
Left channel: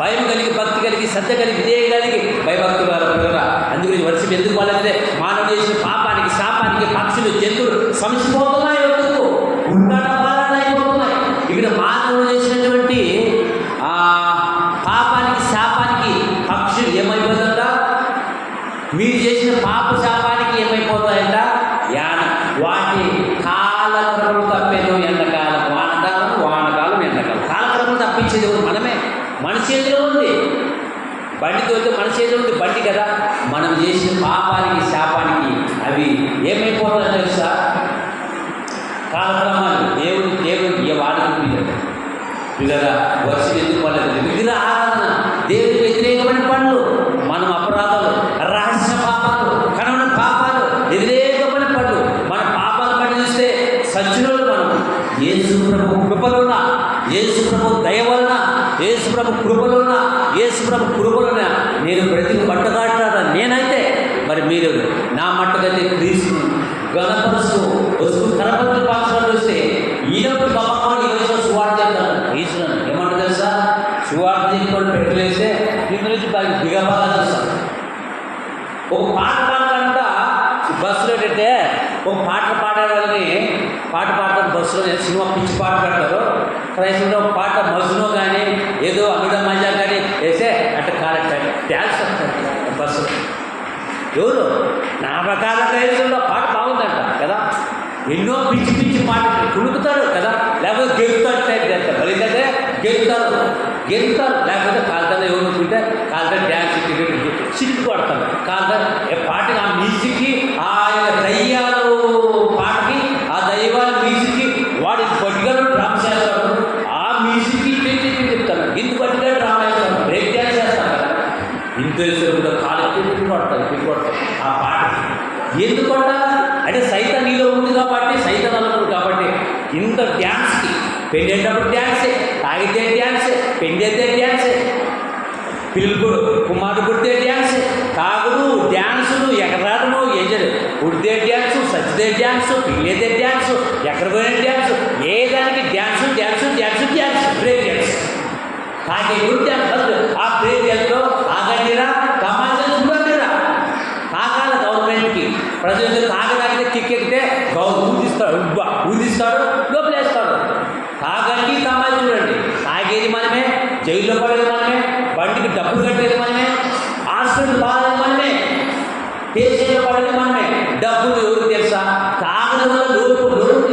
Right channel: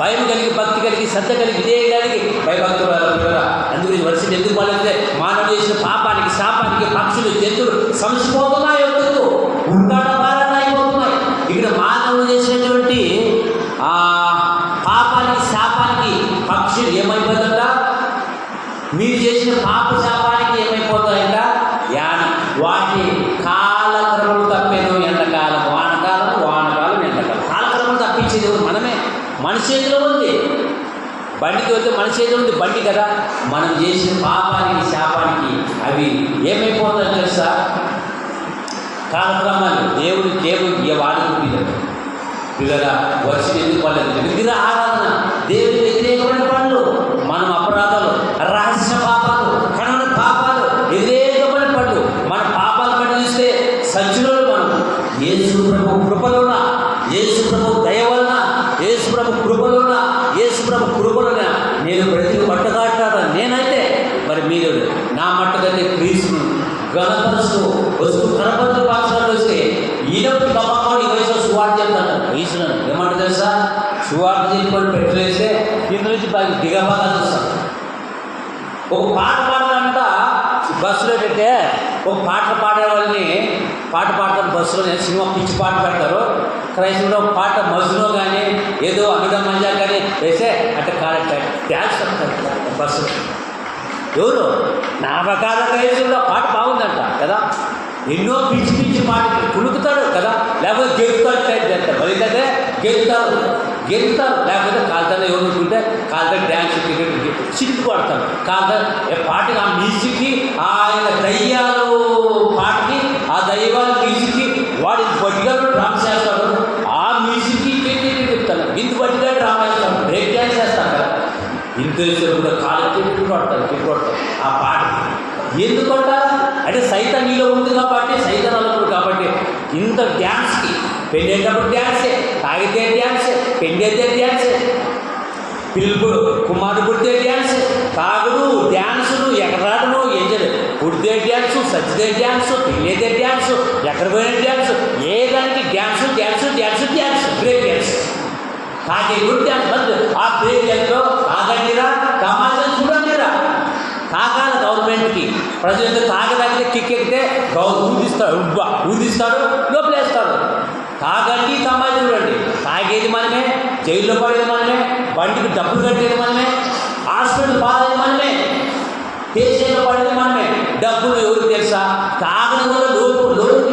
భయం కలిగి, భక్తి కలిగి, శ్రద్ధ కలిగి చేయడానికి భయభక్తులు పిల్లరా. అందుగురించి వర్షం ఎందుకు పడలేదంటే మానవుడు చేసిన పాపానికి, శాపానికి పక్షులు, జంతువులు సమసిపోతున్నాయి, ఎందుకు ఉంటాట బాధలు అయిపోతున్నాయి. ఇక్కడ మానవుడు చేసినటువంటి పాపానికి, శాపానికి పక్షులు ఏమైపోతుందంట, మీరు చేసిన పాప శాపానికి ఏమైపోతాయంట, వాటి కాల కాలక్రమం తప్పేది ఎండాకాలం వానకాలం, వానకాలం ఎండాకాలం. కాలక్రమం తప్పించేది మనమే. మన చేతిలో ఉంది. బండి తోలితే మన చేతిలో ఉంది బండి కదా. మనం చేసిన పాపానికి, శాపానికి అవి ఏమైపోతాయో తెలుసా? కాలక్రమాలు దేవుడు వాడుకు పిల్లరా వర్షం ఎందుకు పడలేదు? విగ్రహ ఆరాధన, దేవుడికి వ్యతిరేకమైన పనులు, మనం అపరాధాలు, రహస్య పాపాలు, కనమైన పాపాలు, వ్యతిరేకమైన పనులు, మన పాపాలు పని చూస్తే సజ్జనులు మనం. యేసు ప్రభు కృపలోన, యేసు ప్రభు దయ వలన, యేసు ప్రభు కృపలోన, యేసు ప్రభు కృపలోన నేను ప్రతి పట్టగాటాడ నేనైతే మరి మీరు నా మట్టుకైతే క్రీస్తు గణపరుస్తూ వస్తూ కనపత్రులు పాత్రలు వస్తే ఈయనప్పుడు గమ్మకం ఈ వయసులో సువార్త చెప్తాను. వయసులను ఏమంటారు తెలుసా? సువార్త చెప్పుకొని పెట్టలేస్తే కింద నుంచి పైకి దిగబాగా చూస్తారు. ఒక పాట పాడాలంట బస్సులో ఏంటంటే ఒక పాటలు పాడే వాళ్ళని పాట పాడతారు బస్సులో. సినిమా పిచ్చి పాట పెడతారు. క్రైస్తవులో ఒక పాట మజ్జులో కానీ ఏదో అమిత మజా కానీ వేస్తే అంటే డ్యాన్స్ వస్తారు బస్సులో. ఎవరు నా ప్రకార క్రైస్తవులో పాట బాగుందంట కదా. ఎన్నో పిచ్చి పిచ్చి పాటలు కులుకుతారు కదా, లేకపోతే గెలుతారు టైప్ చేస్తారు. బలికైతే గెలుతారు లేకపోతే కాలుతారు. ఎవరు ఉంటుంటే కాలుతారు డ్యాన్స్ చిట్టు పడతారు కాలుతారు. పాటకి ఆ మ్యూజిక్కి ఆయన దయ్యాలు పాటకి ఆ దయ్యాల మ్యూజిక్కి వాడి బట్టిగా డ్రామా చేస్తాడు. ఆ మ్యూజిక్కి చెప్తాను ఇంత బట్టిగా డ్రామా చేస్తాడు. బ్రేక్ డ్యాన్స్ చేస్తాను కదా. ఇంత కూడా కాలేజీ కొడతారు ఆ పాటకి. ఎందుకు కొట్టాలా అంటే సైతం నీలో ఉంది కాబట్టి, సైతం అల్లప్పుడు కాబట్టి ఇంత డ్యాన్స్కి. పెళ్ళేటప్పుడు డ్యాన్సే, తాగితే డ్యాన్సే, పెళ్ళైతే డ్యాన్సే, పిలుపు కుమారు పుడితే డ్యాన్సే, తాగుడు డ్యాన్సులు, ఎగరాటము, ఎంజాయ్ పుడితే డ్యాన్సు, సచ్చితే డ్యాన్సు, పెళ్ళైతే డ్యాన్సు, ఎక్కడ పోయిన డ్యాన్సు, ఏ దానికి dance dance dance dance, break dance. తాగే గుడి డ్యాన్స్. ఆ బ్రేక్ డ్యాన్స్లో తాగండిరా, తమాషా చూడండిరా. తాగాలి గవర్నమెంట్కి. ప్రజలు తాగడానికి కిక్కెక్కితే ఊదిస్తాడు లోపలేస్తాడు. తాగండి తమాషా చూడండి. తాగేది మనమే, జైల్లో పడేది మనమే, బండికి డబ్బులు కట్టేది మనమే, హాస్పిటల్ బాధేది మనమే, కేసీలో పడేది మనమే. డబ్బులు ఎవరు తెలుసా? తాగడం వల్ల లోటు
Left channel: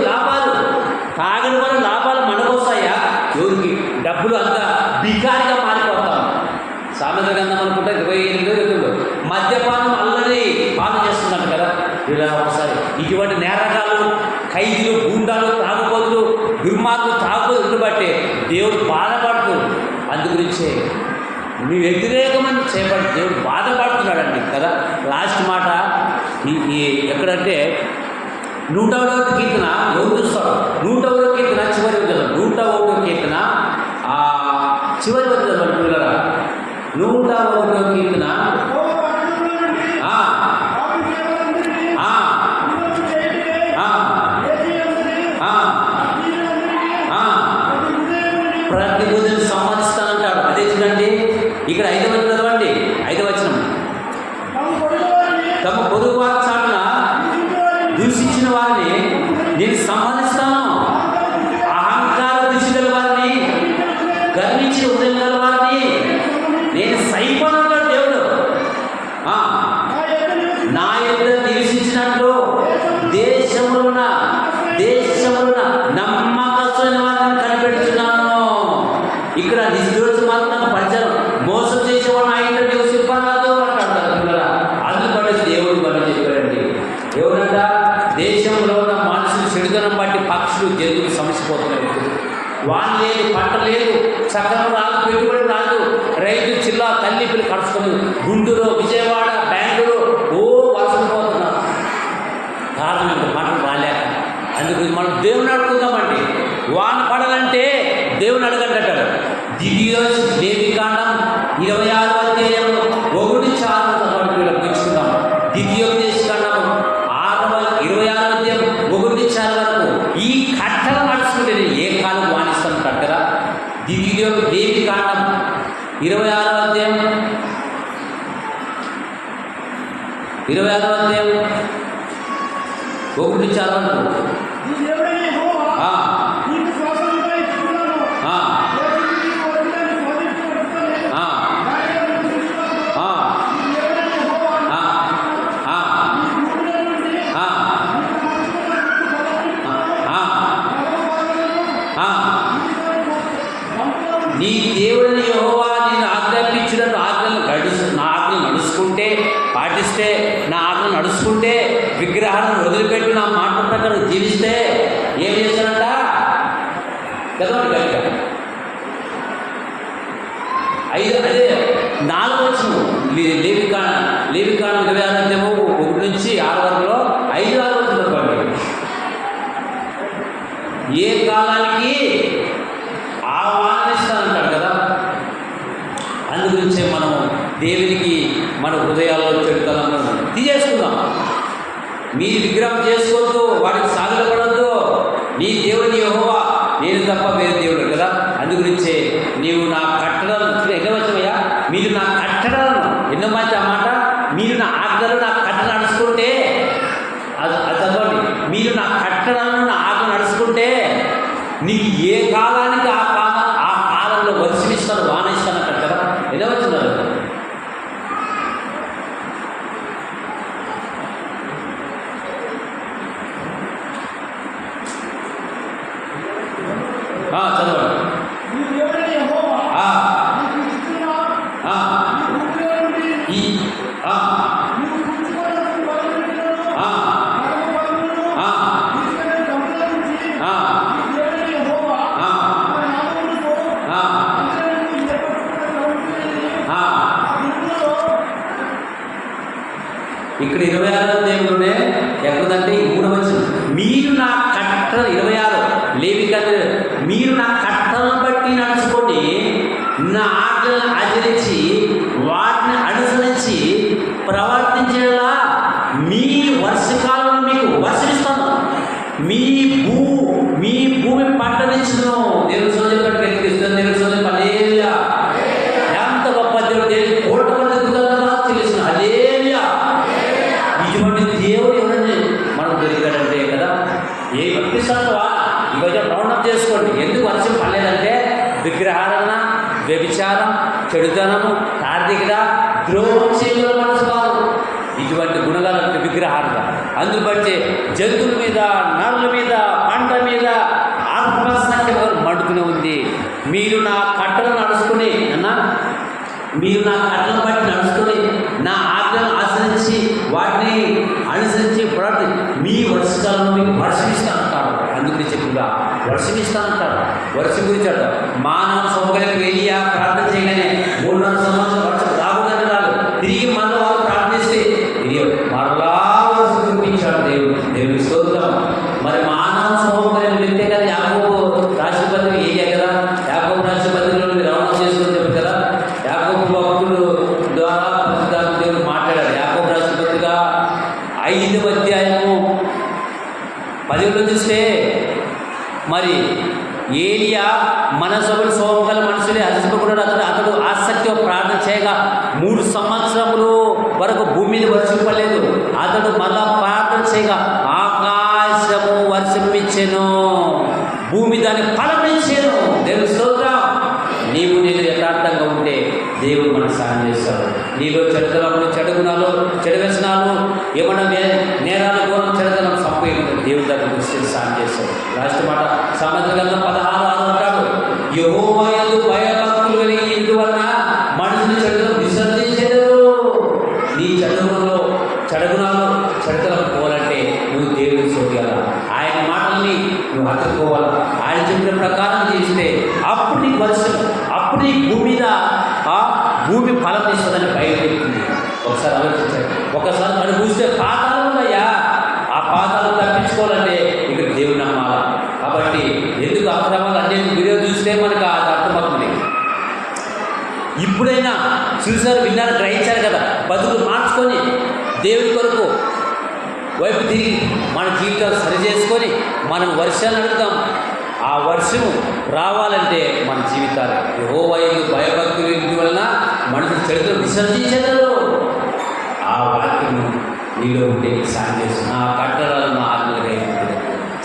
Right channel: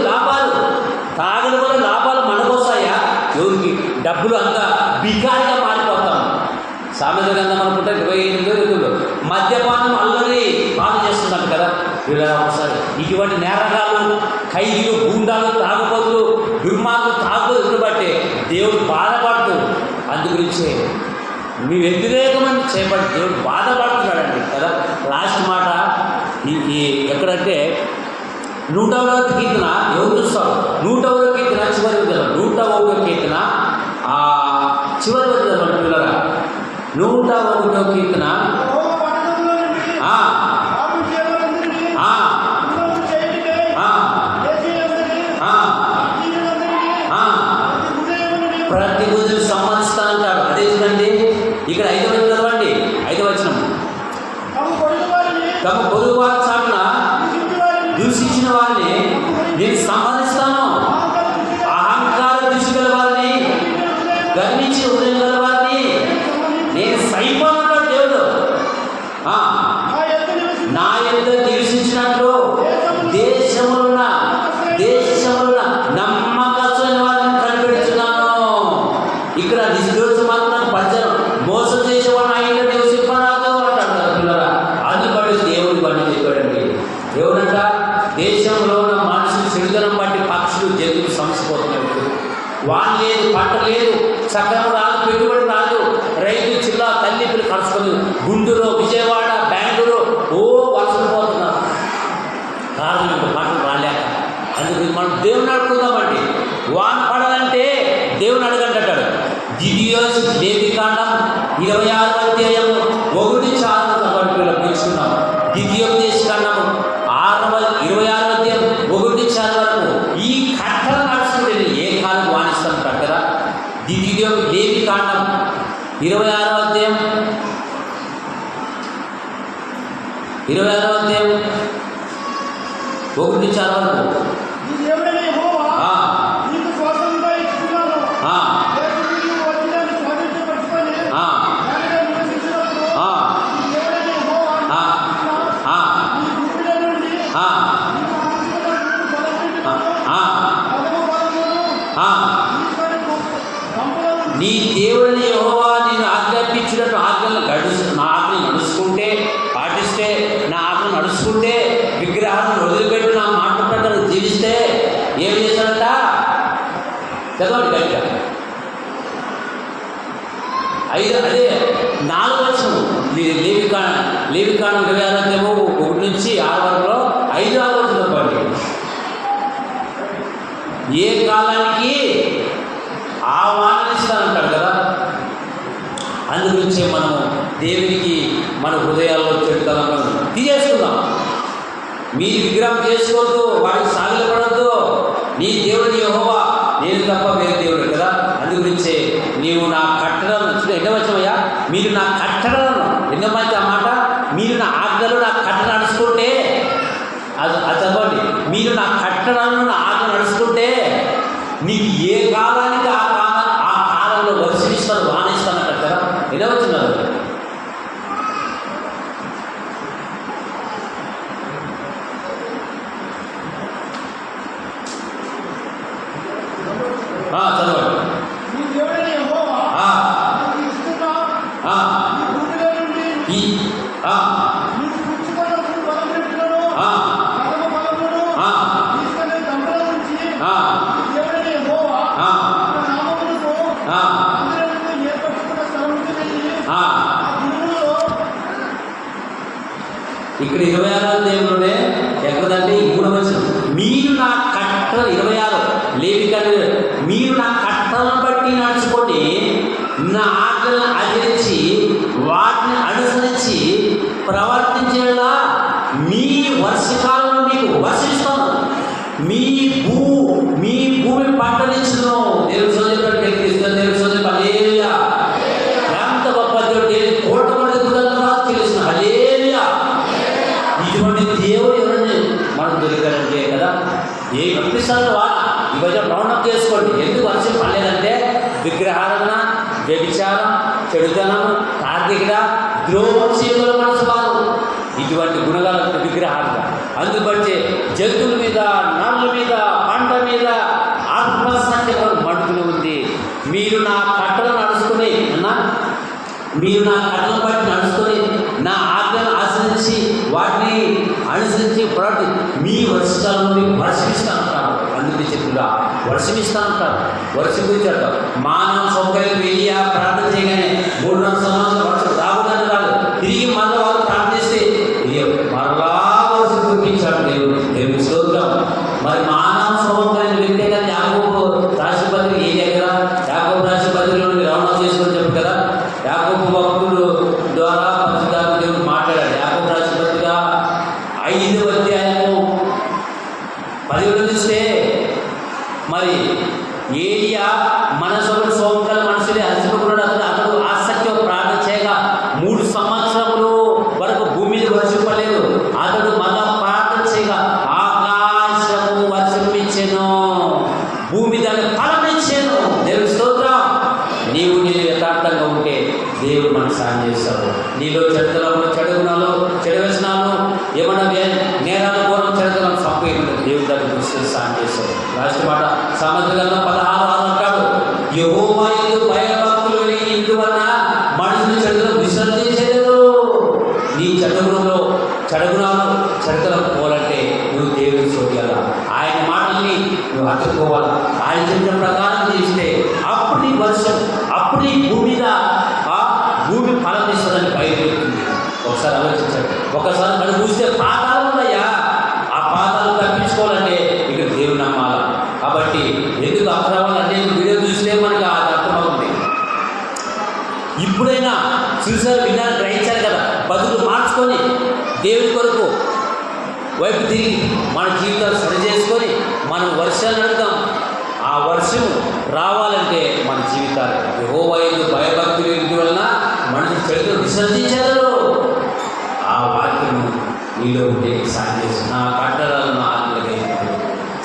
లాభాలు, తాగడం వల్ల లాభాలు మనకు వస్తాయా? ఎవరికి? డబ్బులు అంతా బికారిగా మారిపోతాం. సామెత గ్రంథం అనుకుంటే 28 మద్యపానం అల్లరి పాలు చేస్తున్నాను కదా. ఇలా ఒకసారి ఇటువంటి నేరగాలు, ఖైదీలు, గూండాలు, తాగుబోతులు, దుర్మార్గులు, తాగుబోతులు బట్టి దేవుడు బాధపడుతూ అందుగురించే మీ వ్యతిరేకమని చేపట్టి దేవుడు బాధపడుతున్నాడండి కదా. లాస్ట్ మాట ఈ ఎక్కడంటే 101వ కీర్తన ఎవరు చూస్తారు? 101వ కీర్తన చివరి వదిలేదు. 101వ కీర్తన చివరి వదిలేదు పిల్లరా. 101వ కీర్తన ప్రతి ఉదయం సంపాదిస్తానంటాడు. అదే చూడండి ఇక్కడ 5వ వచనం చదవండి. 5వ వచనం. తమ పొరుగు వారి చాటున దూషించిన వారిని నేను సంపాదిస్తాను. అహంకార దృష్టి గల వారిని, గర్వించి ఉదయం గల వారిని నేను సైపోనంటాడు దేవుడు. నా యొక్క నివసించినట్లు దేశములున్న నమ్మకమైన వారిని కనిపెడుతున్నాను. ఇక్కడ నిర్దోషం మాత్రం పంచడం మోసం చేసేవాడు నా ఇంట్లో నివసింపరాదు అంటాడు పిల్లరా. అందుకు బట్టి దేవుడి పని చెప్పాడండి. ఎవరంట? దేశంలో ఉన్న మనుషులు చెడుదనం బట్టి పక్షులు, జంతువులు సమసిపోతున్నాయి. వాన్ లేదు, పంట లేదు, సక్రమం రాదు, పెట్టుబడి రాదు. రైతు చిల్లా తల్లి పిల్లలు కడుచుకొని గుంటూరు, విజయవాడ, బెంగళూరు వలసలు పోతున్నారు. కారణం పంటలు రాలేక. అందుకు మనం దేవుని అడుగుదామండి. వాన పడాలంటే దేవుని అడగంటాడు. లేవికాండం 26వ అధ్యాయం 1-4 పెంచుకుందాం. ద్వితీయోపదేశకాండము 26వ అధ్యాయం 1-4 వరకు ఈ కట్టలు నడుచుకుంటే ఏ కాలం వాణిస్తుంటాడు కదా. లేవికాండం 26వ అధ్యాయం 1-4 వరకు ఆ నీ దేవుడిని యెహోవా నేను ఆజ్ఞాపించినట్టు నా ఆజ్ఞ నడుచుకుంటే, పాటిస్తే, నా ఆజ్ఞ నడుచుకుంటే, విగ్రహాలను వదిలిపెట్టి నా మాట ప్రకారం జీవిస్తే ఏం చేశాడంట? చదవండి గట్టిగా. 5 అదే 4వ వచనం లేవికాండం 26 అధ్యాయము 1 నుంచి 6 వరకులో 5-6 వచనం చెప్పండి. ఏ కాలానికి ఆహ్వానిస్తానంటాడు కదా. అందుగురించే మనము దేవునికి మన హృదయాల్లో చెడుతనంలో తీసేసుకుందాం. మీ విగ్రహం చేసుకోవద్దు, వాడికి సాగిలపడద్దు. నీ దేవుడిని యెహోవా, నేను తప్ప వేరే దేవుడు కదా. అందుగురించే నీవు నా కట్టడలను ఎన్నో వచ్చామయ్యా, మీరు నా కట్టడలను, ఎన్నో మంచి ఆ మాట, మీరు నా ఆజ్ఞలు నా కట్టడ నడుచుకుంటే, అది చదవండి, మీరు నా కట్టడలను నా ఆజ్ఞ నడుచుకుంటే నీకు ఏ కాలానికి ఆ కాలంలో వర్షమిస్తాను, వానిస్తాను అంటారు కదా. ఎలా వచ్చినారు? చదవండి. ఇక్కడ 26వ దేవుడునే ఎక్కడంటే 3వ వచనం, మీరు నా కట్టలు 26 లేవికాండం, మీరు నా కట్టలను బట్టి నడుచుకొని నా ఆజ్ఞలను ఆచరించి వాటిని అనుసరించి ప్రవర్తించేలా మీ వర్షకాలంలో మీకు వర్షిస్తాను, మీ భూమి పంటనిచ్చును. దేవుడు చెప్పాడు, దేవుడు హల్లెలూయా. ఎంత గొప్ప దేవుడు, దేవుడు కోట కూడా ఎదుగుతుందా తెలుసు. హల్లెలూయా. ఇటువంటి దేవుడు ఎవరండి మనకు దొరికారంటే కదా. ఏ పంపిస్తాను ఈరోజు రౌండప్ చేసుకోండి. ఎందుకు వర్షం పడలేదంటే విగ్రహారాధన, వ్యభిచారం, చెడుతనము, కార్తీకత, ద్రోహం చేయగల మనసు కాదు. ఇటువంటి గుణగాల విగ్రహార్థ అందుబట్టి జంతువుల మీద, నరుల మీద, పంట మీద ఆత్మసంఖ్య మండుతూనే ఉంది. మీరు నా కట్టలను నడుచుకుని మీరు నా కట్టలను బట్టి నడుచుకొని నా ఆజ్ఞలను ఆచరించి వాటిని అనుసరించి ప్రతి మీ వర్షకాలంలో మీకు వర్షమిస్తానంటారు. అందుకే చెప్పుగా వర్షమిస్తానంటారు. వర్షం గురించి అంటారు. మానవ సౌకర్యం వెళ్ళి ప్రార్థన చేయగానే 3-4 సంవత్సరాలు వర్షం రాకూడదని రాదు. తిరిగి మళ్ళీ వాళ్ళు ప్రార్థిస్తే మరలా వర్షం కురిపించాడు దేవుడి స్తోత్రం. మరి మానవ సౌకర్యం వ్యక్తే కదా. యాకోబు రాష్ట్రపతిని ఏరియా కదా. యాకోబు రాష్ట్రపతిలో రవాణా చేసుకొని చెప్పారు కదా. యాకోబు భక్తులు ద్వారా పరిశుద్ధాత్మ దేవుడు మాట్లాడాడు. యాకోబు రాష్ట్రపతిగా 5వ అధ్యాయము 10 చూస్తే మరి ఏలియా మనసొకటి సోమకల మనుషులే హర్షింపకున్నాడు. అతడు ఆసక్తితో ప్రార్థన చేయగా 3 సంవత్సరములు వరకు భూమి మీద వర్షం పడలేదు. అతడు మళ్ళా ప్రార్థన చేయగా ఆకాశము వర్షం ఇచ్చెను, భూమి దాన్ని ఫలం ఇచ్చాను. దేవుని స్తోత్రం. నీవు నేను యథార్థంగా ఉంటే దేవుడు మనకు సాయం చేస్తాడు. నీలో చెడుతలములు, చెడు గుణాలు, చెడు వ్యసనాలు, ఏమన్నా నేరాలు, ఘోరం, చెడుతలం సంపు ఏమన్నా దేవుడి దగ్గర దృష్టి సాయం చేస్తాడు. లాస్ట్ మాట సామెతల గ్రంథం 16:6 అంటాడు, యెహోవా యందు భయభక్తులు కలిగి ఇందువలన మనుషులు చెడుతలు విసర్జించలేదు. నీ చెడుగుణంలో చెడుగుణాలు, చెడుతలం పోవాలంటే నువ్వు దేవుడిని చూడాలా. ఆయన మాటల్ని నువ్వు హత్తుకోవాలా. ఆయన చెప్పిన ప్రకారం చేస్తే అప్పుడు నీకు వర్షం, అప్పుడు నీ భూమి మీద భూమి ఫలం ఇస్తుందని బయలుపెట్టింది. ఒకసారి ఆలోచించాలి. ఒకసారి కడు చూస్తే పాతాలు ఉన్నాయా, ఆ పాతాలు తప్పించుకోవాలంటే ఇక్కడ దేవుడు నమ్మాలి. కాబట్టి ఎందుకు అక్రమాలు అంటే వీడియో చూస్తే మనకు అది అర్థమవుతుంది. ఇప్పుడైనా చూసారు, విన్నారు, గ్రహించారు కదా. బతుకులు మార్చుకొని దేవుడి కొరకు వైపు తిరిగి మన జీవితాలు సరి చేసుకొని మనం వర్షాలు నడుద్దాం. ఆ వర్షం రావాలంటే మన జీవితాలు యెహోవా యందు భయభక్తులు వలన మనుషులు చెడుతలు విసర్జించగలరు. ఆ వాక్యం నీలో ఉంటే సాయం చేస్తాను. నా కట్టడాలు నా ఆత్మలకి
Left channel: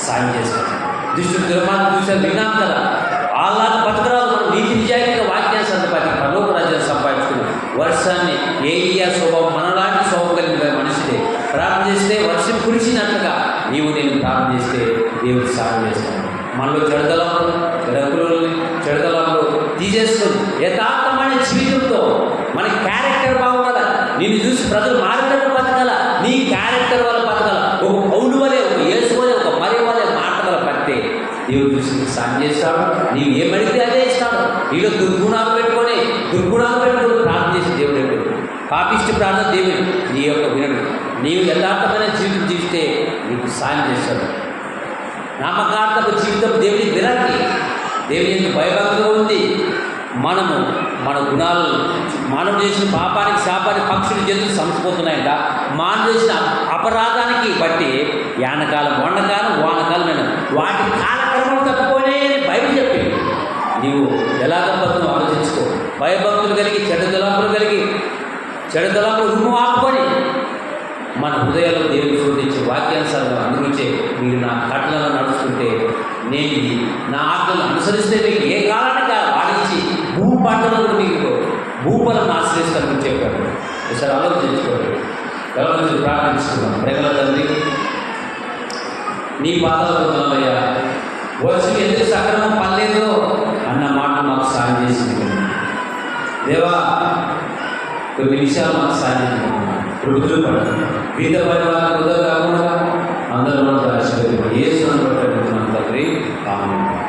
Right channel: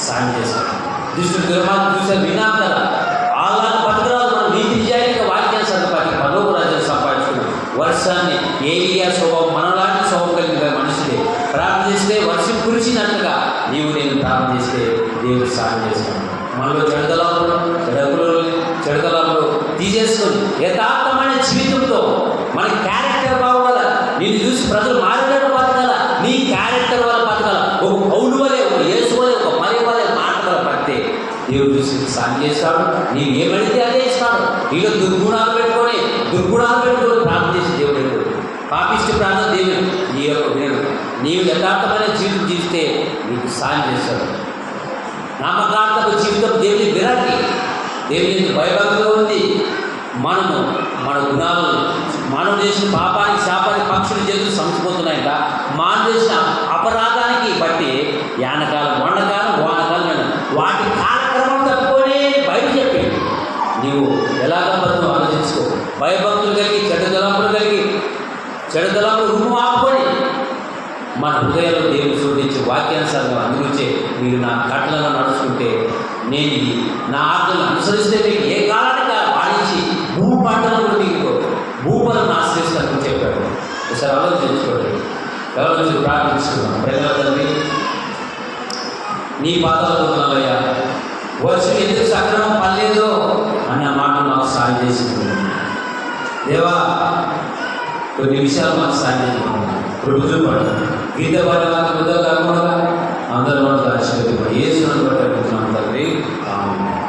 సాయం చేస్తాను. దుష్టుడు దుర్మార్గం చూసారు, విన్నాం కదా. వాళ్ళని బతకరాదు. మనం నీతి నిజాయితీగా వాక్యాన్ని సంతపతి పరలోక రాజ్యాన్ని సంపాదించుకున్నాం. వర్షాన్ని ఏలియా స్వభావం మనలాంటి స్వభావం కలిగిన మనుషులే ప్రార్థన చేస్తే వర్షం కురిసినట్లుగా నీవు నేను ప్రార్థన చేస్తే దేవుడు సాయం చేస్తాను. మనలో చెడుతలంలో తీసేసుకొని యథార్థమైన జీవితంతో మన క్యారెక్టర్ బాగుండాల. నిన్ను చూసి ప్రజలు మారినట్టు బతకాల, నీ క్యారెక్టర్ వల్ల బతకాల. ఒక పౌలు వలె, ఒక యేసు వలె, ఒక మరి వలె మాట వల్ల పడితే దేవుడు చూసి నీకు సాయం చేస్తాడు. నీవు ఏమడితే అదే ఇస్తాడు. నీలో దుర్గుణాలు పెట్టుకొని ప్రార్థన చేసి దేవుడు ఎప్పుడు పాపిష్టి ప్రార్థన దేవుడు నీ యొక్క వినడు. నీవు యథార్థమైన జీవితం చూస్తే నీకు సాయం చేస్తాడు. నామకార్థపు జీవితం దేవుని విరాకి, దేవుని భయభక్తిగా ఉంది. మనము మన గుణాలు, మానవుడు చేసిన పాపానికి, శాపానికి పక్షులు జంతువులు సంసిపోతున్నాయంట. మానవుడు చేసిన అపరాధానికి బట్టి యానకాలం, వండకాలం, వానకాలం వాటి కాలక్రమాలు తప్పుకోనే బైబిల్ చెప్పింది. నీవు ఎలాగ బతుకు ఆలోచించుకో. భయభక్తులు కలిగి చెడు తలంపులు రుమ్ము ఆపుకొని మన హృదయాల్లో దేవుడు శోధించి వాక్యానుసారంగా అందుకొచ్చే మీరు నా కట్టలను నడుచుకుంటే, నేను నా ఆజ్ఞలను అనుసరిస్తే మీకు ఏ కాలానికి వాడించి పంటలు కూడా మీకు భూఫలం ఆశ్రయిస్తానని చెప్పాడు. ఒకసారి ఆలోచించుకోండి. ఎవరి ప్రార్థించుకున్నాం. ప్రేమల తండ్రి, నీ పాదాలు పొందాలయ్యా. వచ్చి ఎందుకు సక్రమం పర్లేదు అన్న మాట మాకు సాయం చేసింది దేవా. కొన్ని విషయాలు మాకు సాయం చేస్తున్నాం. రుజువు పడుతుంది. వీధ పని వారికి వృధా కాకుండా అందరూ దాచి ఏ సున్నం తండ్రి. ఆమేన్.